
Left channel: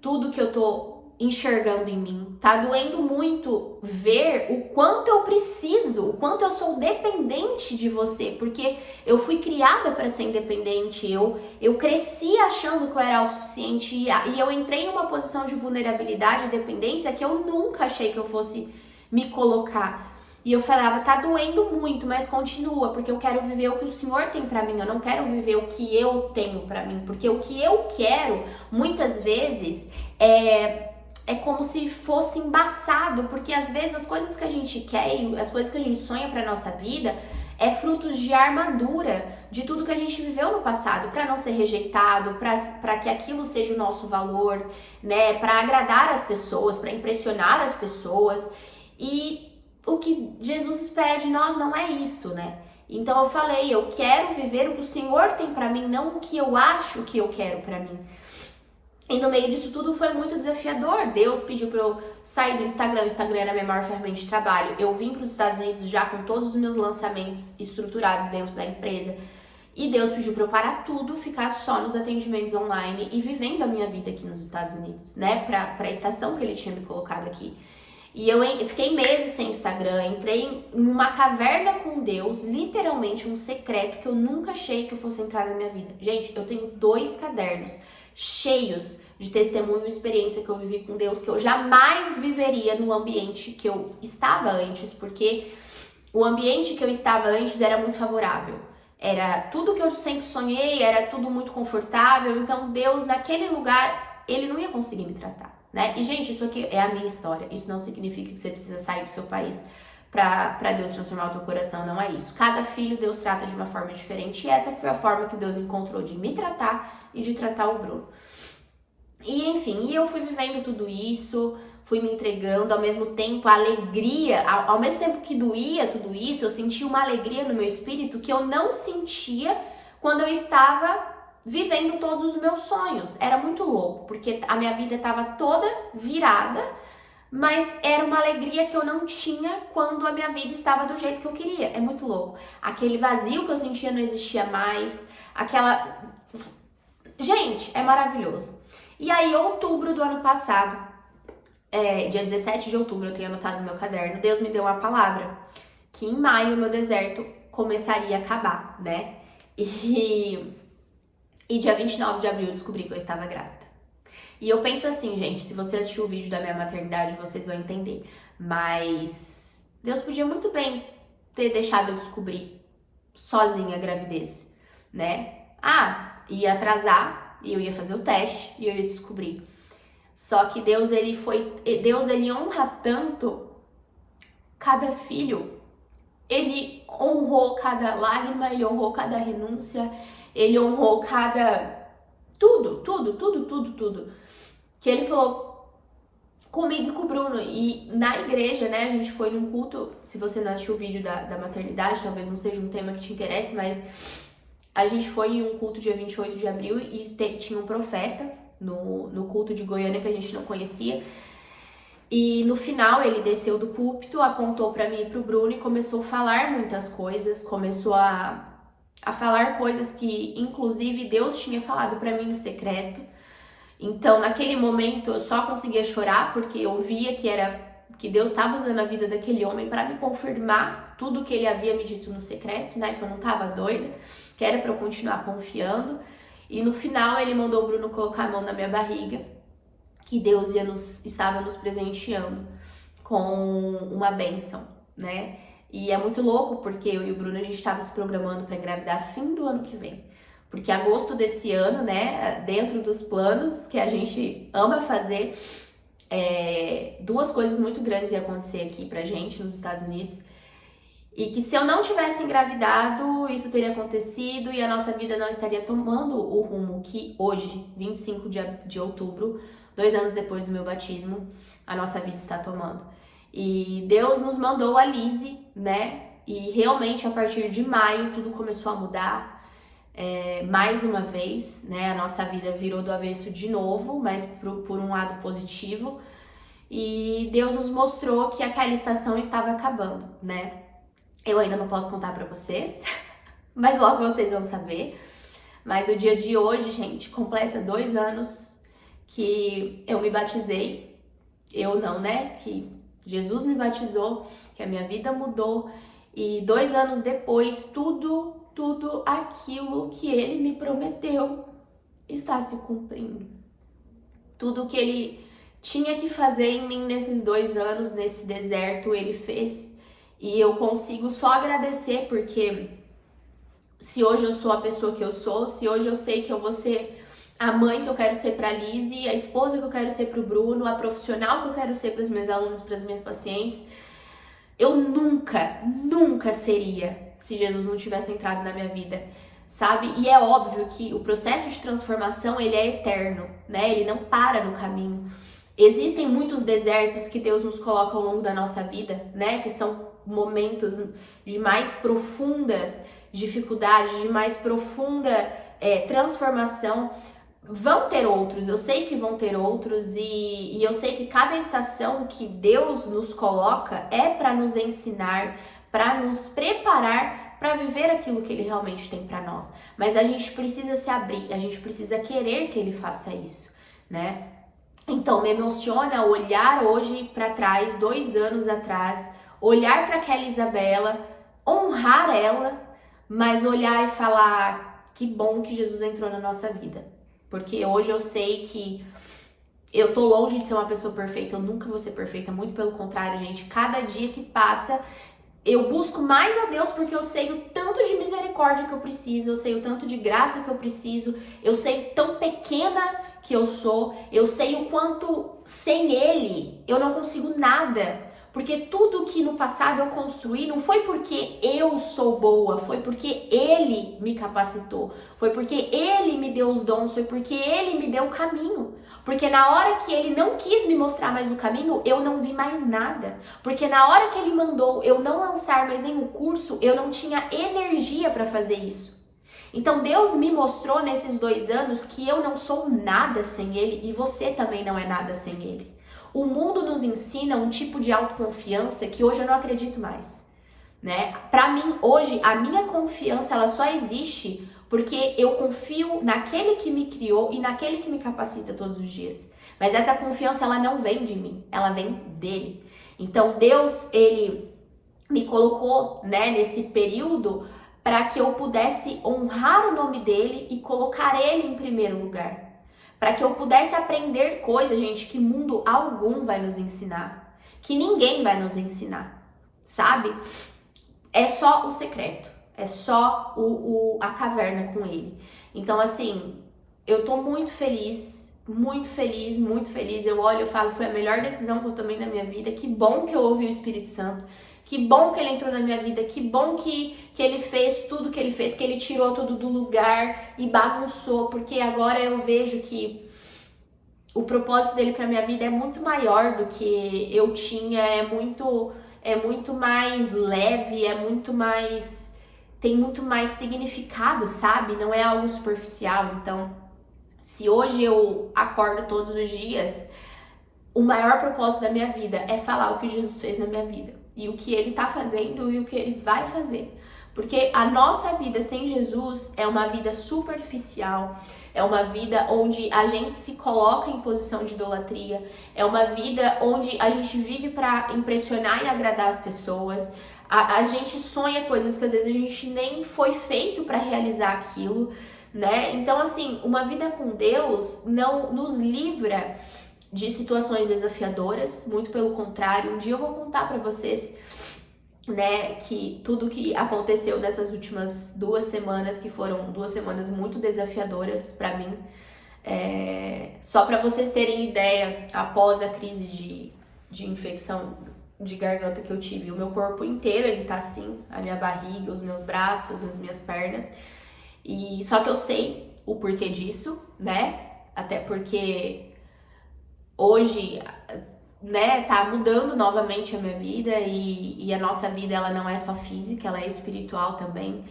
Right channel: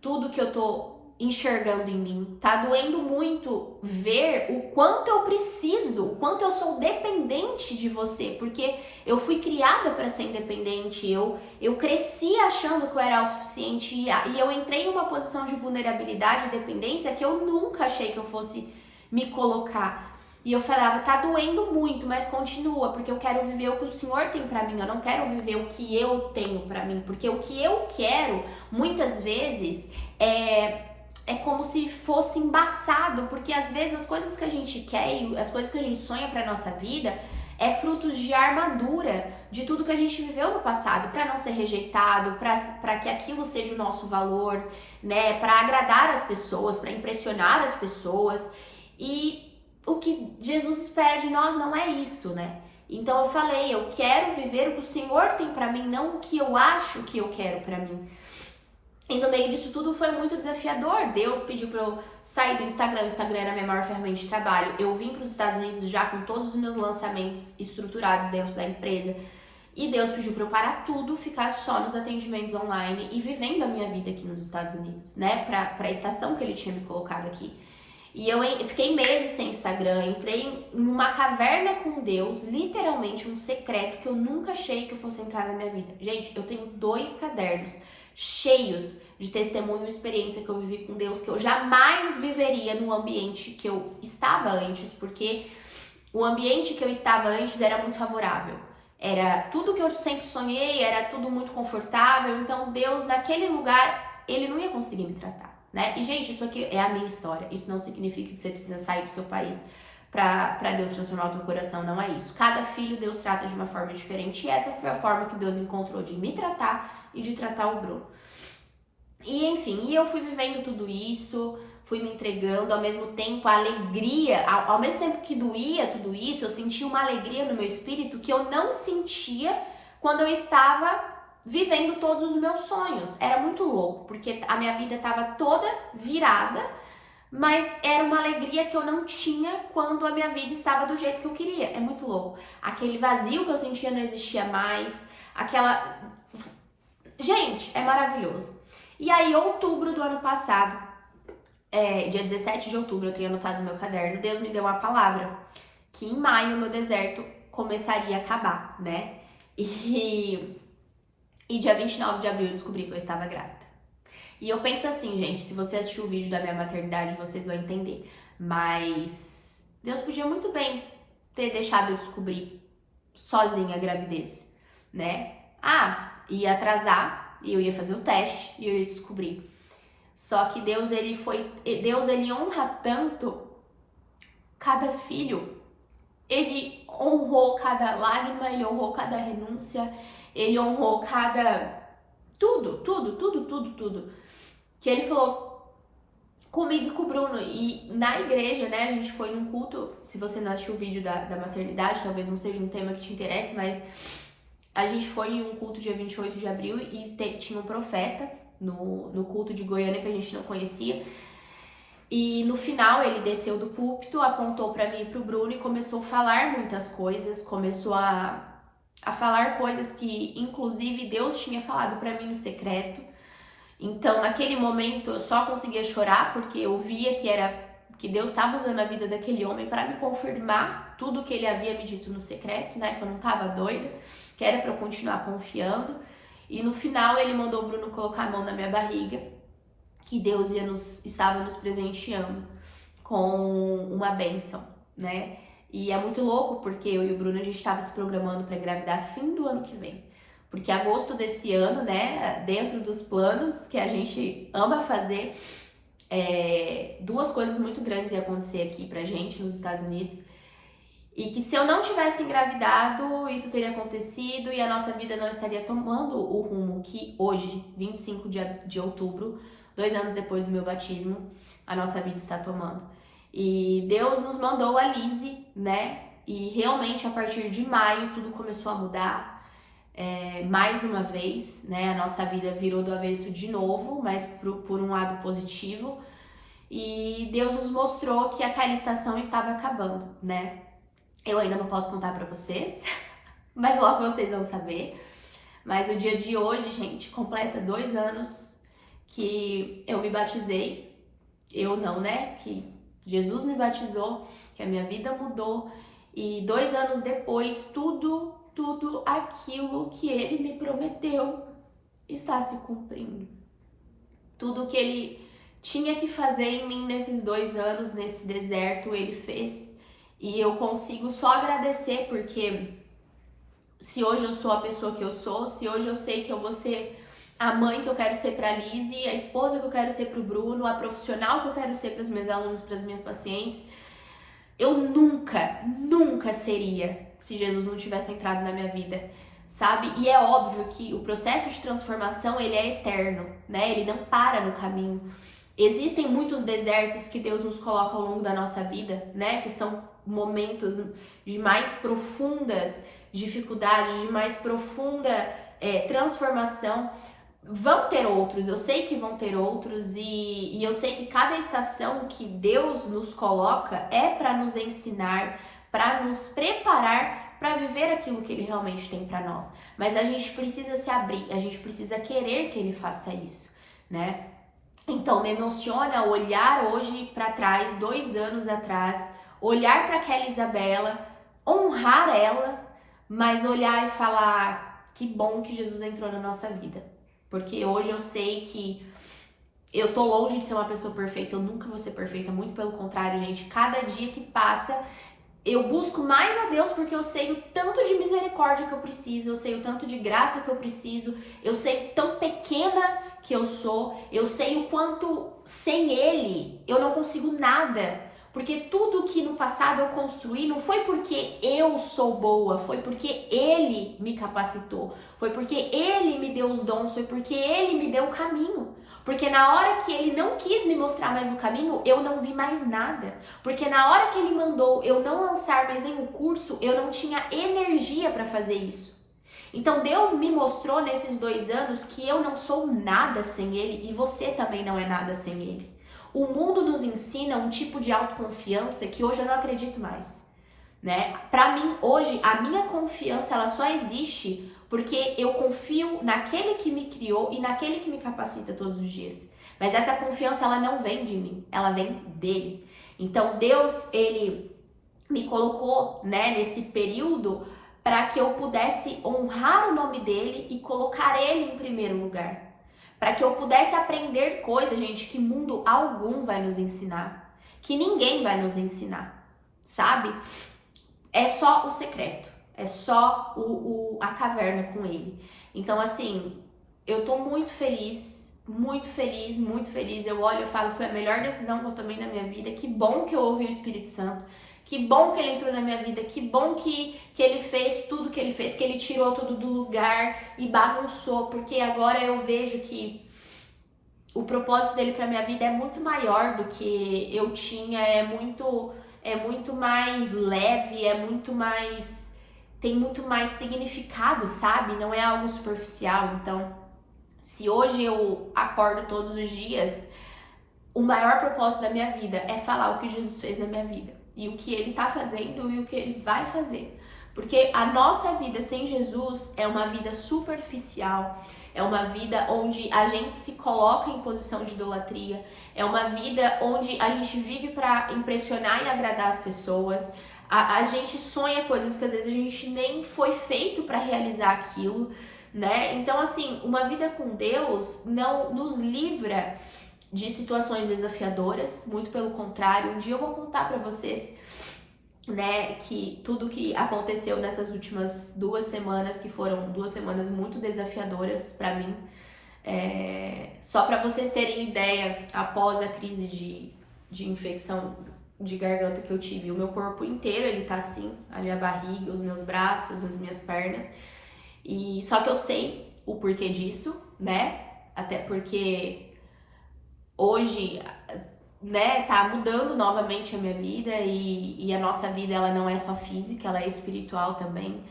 Tudo que eu tô enxergando em mim. Tá doendo muito ver o quanto eu preciso, o quanto eu sou dependente de você, porque eu fui criada para ser independente, eu cresci achando que eu era autossuficiente e eu entrei em uma posição de vulnerabilidade e dependência que eu nunca achei que eu fosse me colocar. E eu falava, tá doendo muito, mas continua, porque eu quero viver o que o Senhor tem pra mim, eu não quero viver o que eu tenho pra mim, porque o que eu quero, muitas vezes, é como se fosse embaçado, porque às vezes as coisas que a gente quer e as coisas que a gente sonha pra nossa vida é frutos de armadura, de tudo que a gente viveu no passado, para não ser rejeitado, para que aquilo seja o nosso valor, né, para agradar as pessoas, para impressionar as pessoas. E o que Jesus espera de nós não é isso, né? Então eu falei, eu quero viver o que o Senhor tem pra mim, não o que eu acho que eu quero pra mim. E no meio disso tudo foi muito desafiador. Deus pediu pra eu sair do Instagram. O Instagram era a minha maior ferramenta de trabalho. Eu vim para os Estados Unidos já com todos os meus lançamentos estruturados dentro da empresa. E Deus pediu pra eu parar tudo, ficar só nos atendimentos online e vivendo a minha vida aqui nos Estados Unidos, né? Pra a estação que Ele tinha me colocado aqui. E eu fiquei meses sem Instagram, entrei numa caverna com Deus, literalmente um secreto que eu nunca achei que eu fosse entrar na minha vida. Gente, eu tenho 2 cadernos cheios de testemunho e experiência que eu vivi com Deus, que eu jamais viveria no ambiente que eu estava antes, porque o ambiente que eu estava antes era muito favorável. Era tudo que eu sempre sonhei, era tudo muito confortável, então Deus, naquele lugar, Ele não ia conseguir me tratar. Né? E, gente, isso aqui é a minha história. Isso não significa que você precisa sair do seu país para Deus transformar o teu coração. Não é isso. Cada filho Deus trata de uma forma diferente. E essa foi a forma que Deus encontrou de me tratar e de tratar o Bruno. E, enfim, eu fui vivendo tudo isso, fui me entregando. Ao mesmo tempo, a alegria, ao mesmo tempo que doía tudo isso, eu sentia uma alegria no meu espírito que eu não sentia quando eu estava vivendo todos os meus sonhos. Era muito louco, porque a minha vida estava toda virada, mas era uma alegria que eu não tinha quando a minha vida estava do jeito que eu queria. É muito louco. Aquele vazio que eu sentia não existia mais, aquela... Gente, é maravilhoso. E aí, outubro do ano passado, dia 17 de outubro, eu tenho anotado no meu caderno, Deus me deu uma palavra, que em maio o meu deserto começaria a acabar, né? E dia 29 de abril eu descobri que eu estava grávida. E eu penso assim, gente, se você assistiu o vídeo da minha maternidade, vocês vão entender. Mas Deus podia muito bem ter deixado eu descobrir sozinha a gravidez, né? Ia atrasar e eu ia fazer o teste e eu ia descobrir. Só que Deus, ele honra tanto cada filho. Ele honrou cada lágrima, ele honrou cada renúncia, ele honrou cada... Tudo. Que ele falou comigo e com o Bruno. E na igreja, né, a gente foi num culto. Se você não assistiu o vídeo da maternidade, talvez não seja um tema que te interesse, mas a gente foi em um culto dia 28 de abril e tinha um profeta no culto de Goiânia que a gente não conhecia. E no final ele desceu do púlpito, apontou pra mim e pro Bruno e começou a falar muitas coisas, começou a falar coisas que inclusive Deus tinha falado pra mim no secreto. Então naquele momento eu só conseguia chorar porque eu via que Deus estava usando a vida daquele homem para me confirmar tudo que ele havia me dito no secreto, né, que eu não tava doida, que era pra eu continuar confiando. E no final ele mandou o Bruno colocar a mão na minha barriga. que Deus estava nos presenteando com uma bênção, né? E é muito louco porque eu e o Bruno, a gente estava se programando para engravidar fim do ano que vem. Porque agosto desse ano, né, dentro dos planos que a gente ama fazer, duas coisas muito grandes iam acontecer aqui pra gente nos Estados Unidos. E que se eu não tivesse engravidado, isso teria acontecido e a nossa vida não estaria tomando o rumo que hoje, 25 de outubro, 2 anos depois do meu batismo, a nossa vida está tomando. E Deus nos mandou a Lizzie, né? E realmente a partir de maio tudo começou a mudar. Mais uma vez, né? A nossa vida virou do avesso de novo, mas por um lado positivo. E Deus nos mostrou que aquela estação estava acabando, né? Eu ainda não posso contar pra vocês, mas logo vocês vão saber. Mas o dia de hoje, gente, completa 2 anos que eu me batizei. Eu não, né? Que Jesus me batizou, que a minha vida mudou. E 2 anos depois, tudo aquilo que Ele me prometeu está se cumprindo. Tudo que Ele tinha que fazer em mim nesses 2 anos, nesse deserto, Ele fez. E eu consigo só agradecer, porque se hoje eu sou a pessoa que eu sou, se hoje eu sei que eu vou ser a mãe que eu quero ser pra Lizzie, a esposa que eu quero ser pro Bruno, a profissional que eu quero ser pros meus alunos, pras minhas pacientes, eu nunca seria se Jesus não tivesse entrado na minha vida, sabe? E é óbvio que o processo de transformação, ele é eterno, né? Ele não para no caminho. Existem muitos desertos que Deus nos coloca ao longo da nossa vida, né? Que são momentos de mais profundas dificuldades, de mais profunda transformação. Vão ter outros, eu sei que vão ter outros e eu sei que cada estação que Deus nos coloca é para nos ensinar, para nos preparar para viver aquilo que Ele realmente tem para nós. Mas a gente precisa se abrir, a gente precisa querer que Ele faça isso, né? Então, me emociona olhar hoje para trás, 2 anos atrás, olhar para aquela Isabela, honrar ela, mas olhar e falar que bom que Jesus entrou na nossa vida. Porque hoje eu sei que eu tô longe de ser uma pessoa perfeita, eu nunca vou ser perfeita, muito pelo contrário, gente. Cada dia que passa, eu busco mais a Deus porque eu sei o tanto de misericórdia que eu preciso, eu sei o tanto de graça que eu preciso, eu sei tão pequena que eu sou, eu sei o quanto sem Ele eu não consigo nada. Porque tudo que no passado eu construí não foi porque eu sou boa, foi porque Ele me capacitou, foi porque Ele me deu os dons, foi porque Ele me deu o caminho. Porque na hora que Ele não quis me mostrar mais o caminho, eu não vi mais nada. Porque na hora que Ele mandou eu não lançar mais nenhum curso, eu não tinha energia para fazer isso. Então Deus me mostrou nesses 2 anos que eu não sou nada sem Ele e você também não é nada sem Ele. O mundo nos ensina um tipo de autoconfiança que hoje eu não acredito mais, né? Para mim, hoje, a minha confiança, ela só existe porque eu confio naquele que me criou e naquele que me capacita todos os dias. Mas essa confiança, ela não vem de mim, ela vem dele. Então, Deus, ele me colocou, né, nesse período para que eu pudesse honrar o nome dele e colocar ele em primeiro lugar. Para que eu pudesse aprender coisas, gente, que mundo algum vai nos ensinar. Que ninguém vai nos ensinar, sabe? É só o secreto. É só a caverna com ele. Então, assim, eu tô muito feliz, muito feliz, muito feliz. Eu olho e falo, foi a melhor decisão que eu tomei na minha vida. Que bom que eu ouvi o Espírito Santo. Que bom que ele entrou na minha vida, que bom que ele fez tudo que ele fez, que ele tirou tudo do lugar e bagunçou, porque agora eu vejo que o propósito dele pra minha vida é muito maior do que eu tinha, é muito mais leve, tem muito mais significado, sabe? Não é algo superficial. Então, se hoje eu acordo todos os dias, o maior propósito da minha vida é falar o que Jesus fez na minha vida. E o que ele tá fazendo e o que ele vai fazer. Porque a nossa vida sem Jesus é uma vida superficial, é uma vida onde a gente se coloca em posição de idolatria, é uma vida onde a gente vive para impressionar e agradar as pessoas, a gente sonha coisas que às vezes a gente nem foi feito para realizar aquilo, né? Então, assim, uma vida com Deus não nos livra de situações desafiadoras, muito pelo contrário. Um dia eu vou contar pra vocês, né, que tudo que aconteceu nessas últimas 2 semanas, que foram 2 semanas muito desafiadoras pra mim. Só pra vocês terem ideia, após a crise de infecção de garganta que eu tive, o meu corpo inteiro, ele tá assim, a minha barriga, os meus braços, as minhas pernas. E só que eu sei o porquê disso, né? Até porque hoje, né, tá mudando novamente a minha vida e a nossa vida, ela não é só física, ela é espiritual também.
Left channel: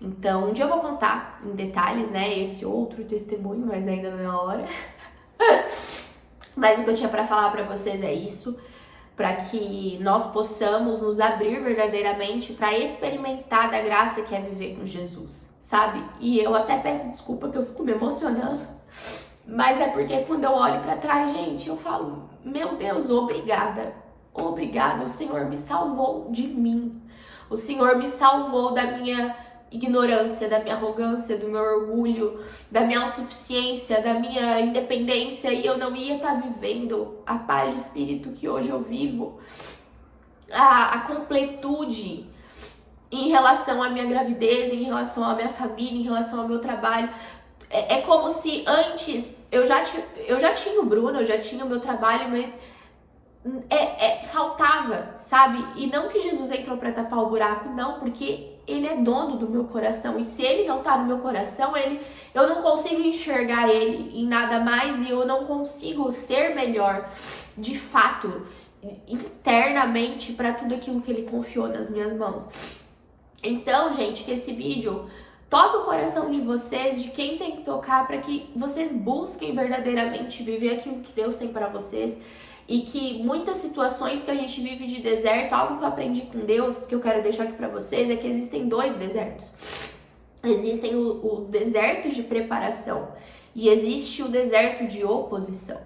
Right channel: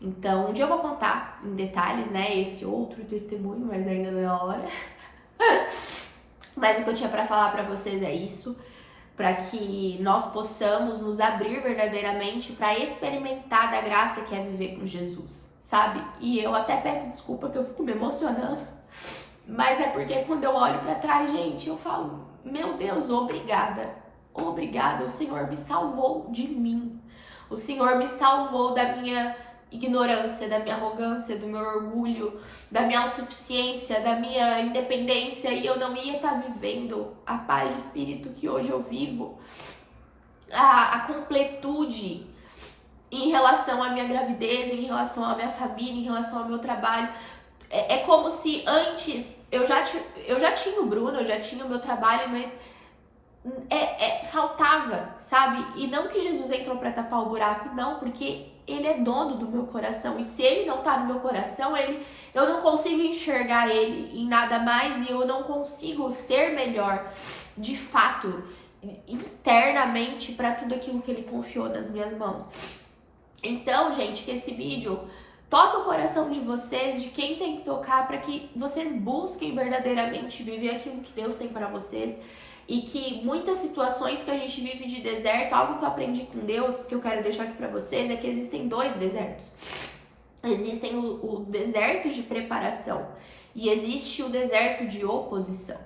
Então, um dia eu vou contar em detalhes, né, esse outro testemunho, mas ainda não é a hora. Mas o que eu tinha pra falar pra vocês é isso, para que nós possamos nos abrir verdadeiramente para experimentar da graça que é viver com Jesus, sabe? E eu até peço desculpa que eu fico me emocionando, mas é porque quando eu olho para trás, gente, eu falo, meu Deus, obrigada, obrigada, o Senhor me salvou de mim, o Senhor me salvou da minha ignorância, da minha arrogância, do meu orgulho, da minha autossuficiência, da minha independência, e eu não ia estar vivendo a paz de espírito que hoje eu vivo, a completude em relação à minha gravidez, em relação à minha família, em relação ao meu trabalho. É como se antes eu já tinha o Bruno, eu já tinha o meu trabalho, mas faltava, sabe? E não que Jesus entrou para tapar o buraco, não, porque ele é dono do meu coração, e se ele não tá no meu coração, eu não consigo enxergar ele em nada mais, e eu não consigo ser melhor, de fato, internamente, para tudo aquilo que ele confiou nas minhas mãos. Então, gente, que esse vídeo toque o coração de vocês, de quem tem que tocar, para que vocês busquem verdadeiramente viver aquilo que Deus tem para vocês. E que muitas situações que a gente vive de deserto, algo que eu aprendi com Deus, que eu quero deixar aqui pra vocês, é que existem 2 desertos. Existem o deserto de preparação e existe o deserto de oposição.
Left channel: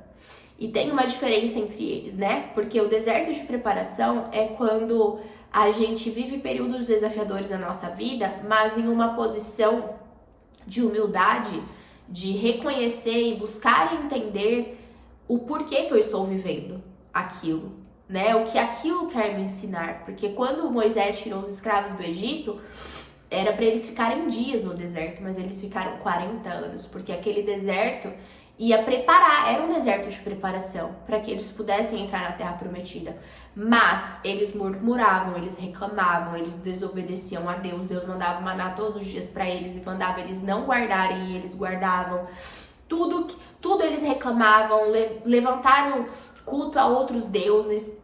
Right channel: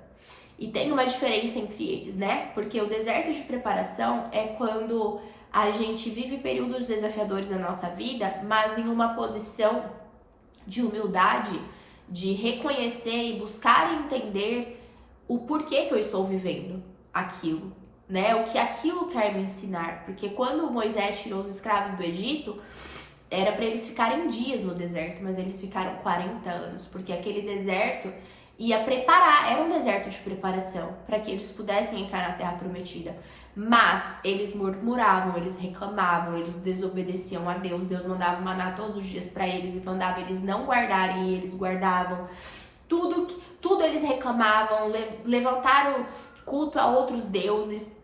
E tem uma diferença entre eles, né? Porque o deserto de preparação é quando a gente vive períodos desafiadores na nossa vida, mas em uma posição de humildade, de reconhecer e buscar entender o porquê que eu estou vivendo aquilo, né? O que aquilo quer me ensinar. Porque quando Moisés tirou os escravos do Egito, era para eles ficarem dias no deserto, mas eles ficaram 40 anos, porque aquele deserto ia preparar, era um deserto de preparação, para que eles pudessem entrar na Terra Prometida. Mas eles murmuravam, eles reclamavam, eles desobedeciam a Deus. Deus mandava maná todos os dias para eles e mandava eles não guardarem, e eles guardavam. Tudo eles reclamavam, levantaram culto a outros deuses.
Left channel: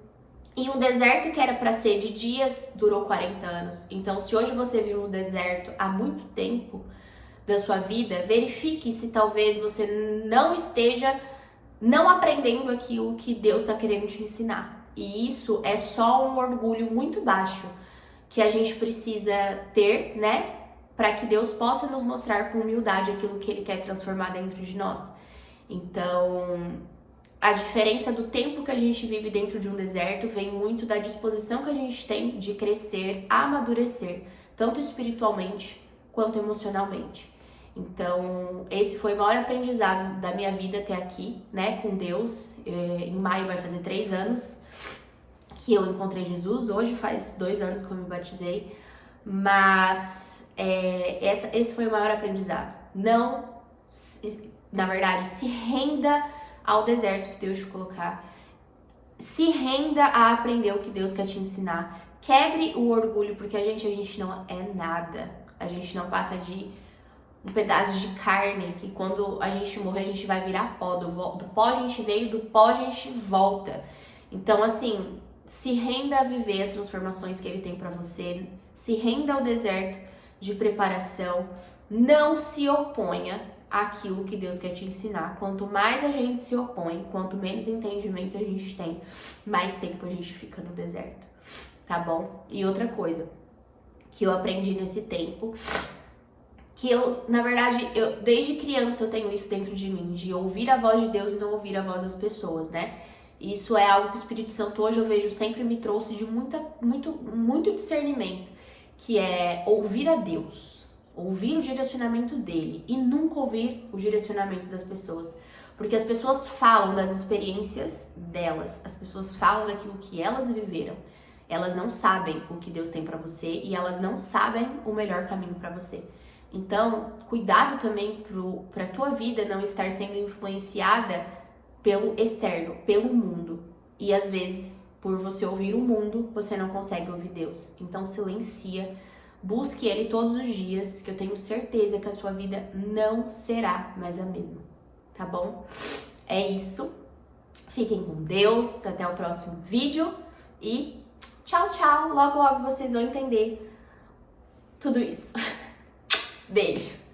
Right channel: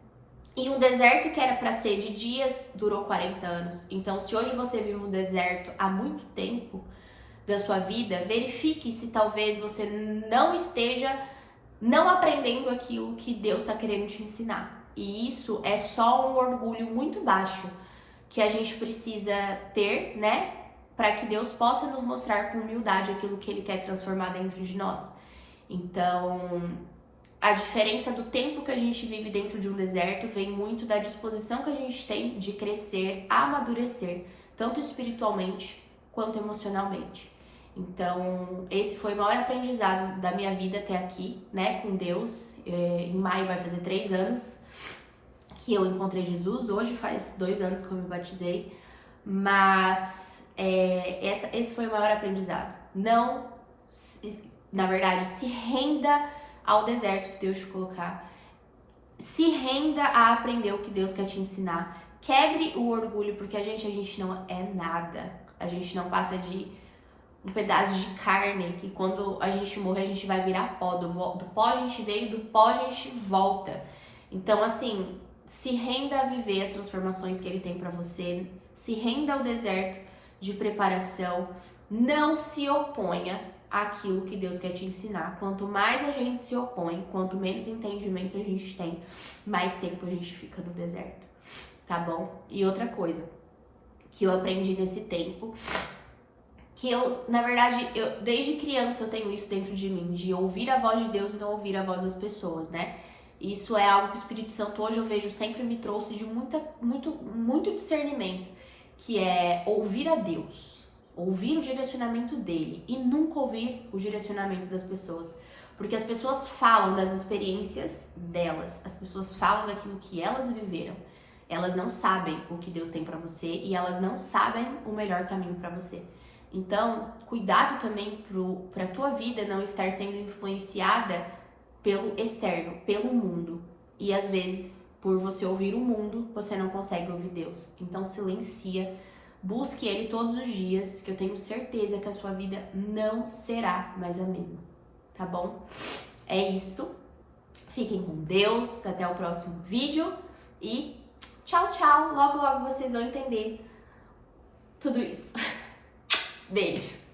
E um deserto que era para ser de dias durou 40 anos. Então, se hoje você vive um deserto há muito tempo da sua vida, verifique se talvez você não esteja não aprendendo aquilo que Deus está querendo te ensinar. E isso é só um orgulho muito baixo que a gente precisa ter, né? Para que Deus possa nos mostrar com humildade aquilo que Ele quer transformar dentro de nós. Então, a diferença do tempo que a gente vive dentro de um deserto vem muito da disposição que a gente tem de crescer, amadurecer, tanto espiritualmente quanto emocionalmente. Então, esse foi o maior aprendizado da minha vida até aqui, né, com Deus. Em maio vai fazer 3 anos que eu encontrei Jesus. Hoje faz 2 anos que eu me batizei, mas esse foi o maior aprendizado. Não, na verdade, se renda ao deserto que Deus te colocar. Se renda a aprender o que Deus quer te ensinar. Quebre o orgulho, porque a gente não é nada. A gente não passa de um pedaço de carne, que quando a gente morrer, a gente vai virar pó. Do pó a gente veio, do pó a gente volta. Então, assim, se renda a viver as transformações que Ele tem pra você. Se renda ao deserto de preparação. Não se oponha àquilo que Deus quer te ensinar. Quanto mais a gente se opõe, quanto menos entendimento a gente tem, mais tempo a gente fica no deserto, tá bom? E outra coisa que eu aprendi nesse tempo, que na verdade, desde criança eu tenho isso dentro de mim, de ouvir a voz de Deus e não ouvir a voz das pessoas, né? Isso é algo que o Espírito Santo hoje eu vejo sempre me trouxe de muito discernimento, que é ouvir a Deus, ouvir o direcionamento dele e nunca ouvir o direcionamento das pessoas. Porque as pessoas falam das experiências delas, as pessoas falam daquilo que elas viveram. Elas não sabem o que Deus tem pra você e elas não sabem o melhor caminho pra você. Então, cuidado também pra tua vida não estar sendo influenciada pelo externo, pelo mundo. E às vezes, por você ouvir o mundo, você não consegue ouvir Deus. Então, silencia, busque Ele todos os dias, que eu tenho certeza que a sua vida não será mais a mesma. Tá bom? É isso. Fiquem com Deus. Até o próximo vídeo. E tchau, tchau. Logo, logo vocês vão entender tudo isso. Beijo.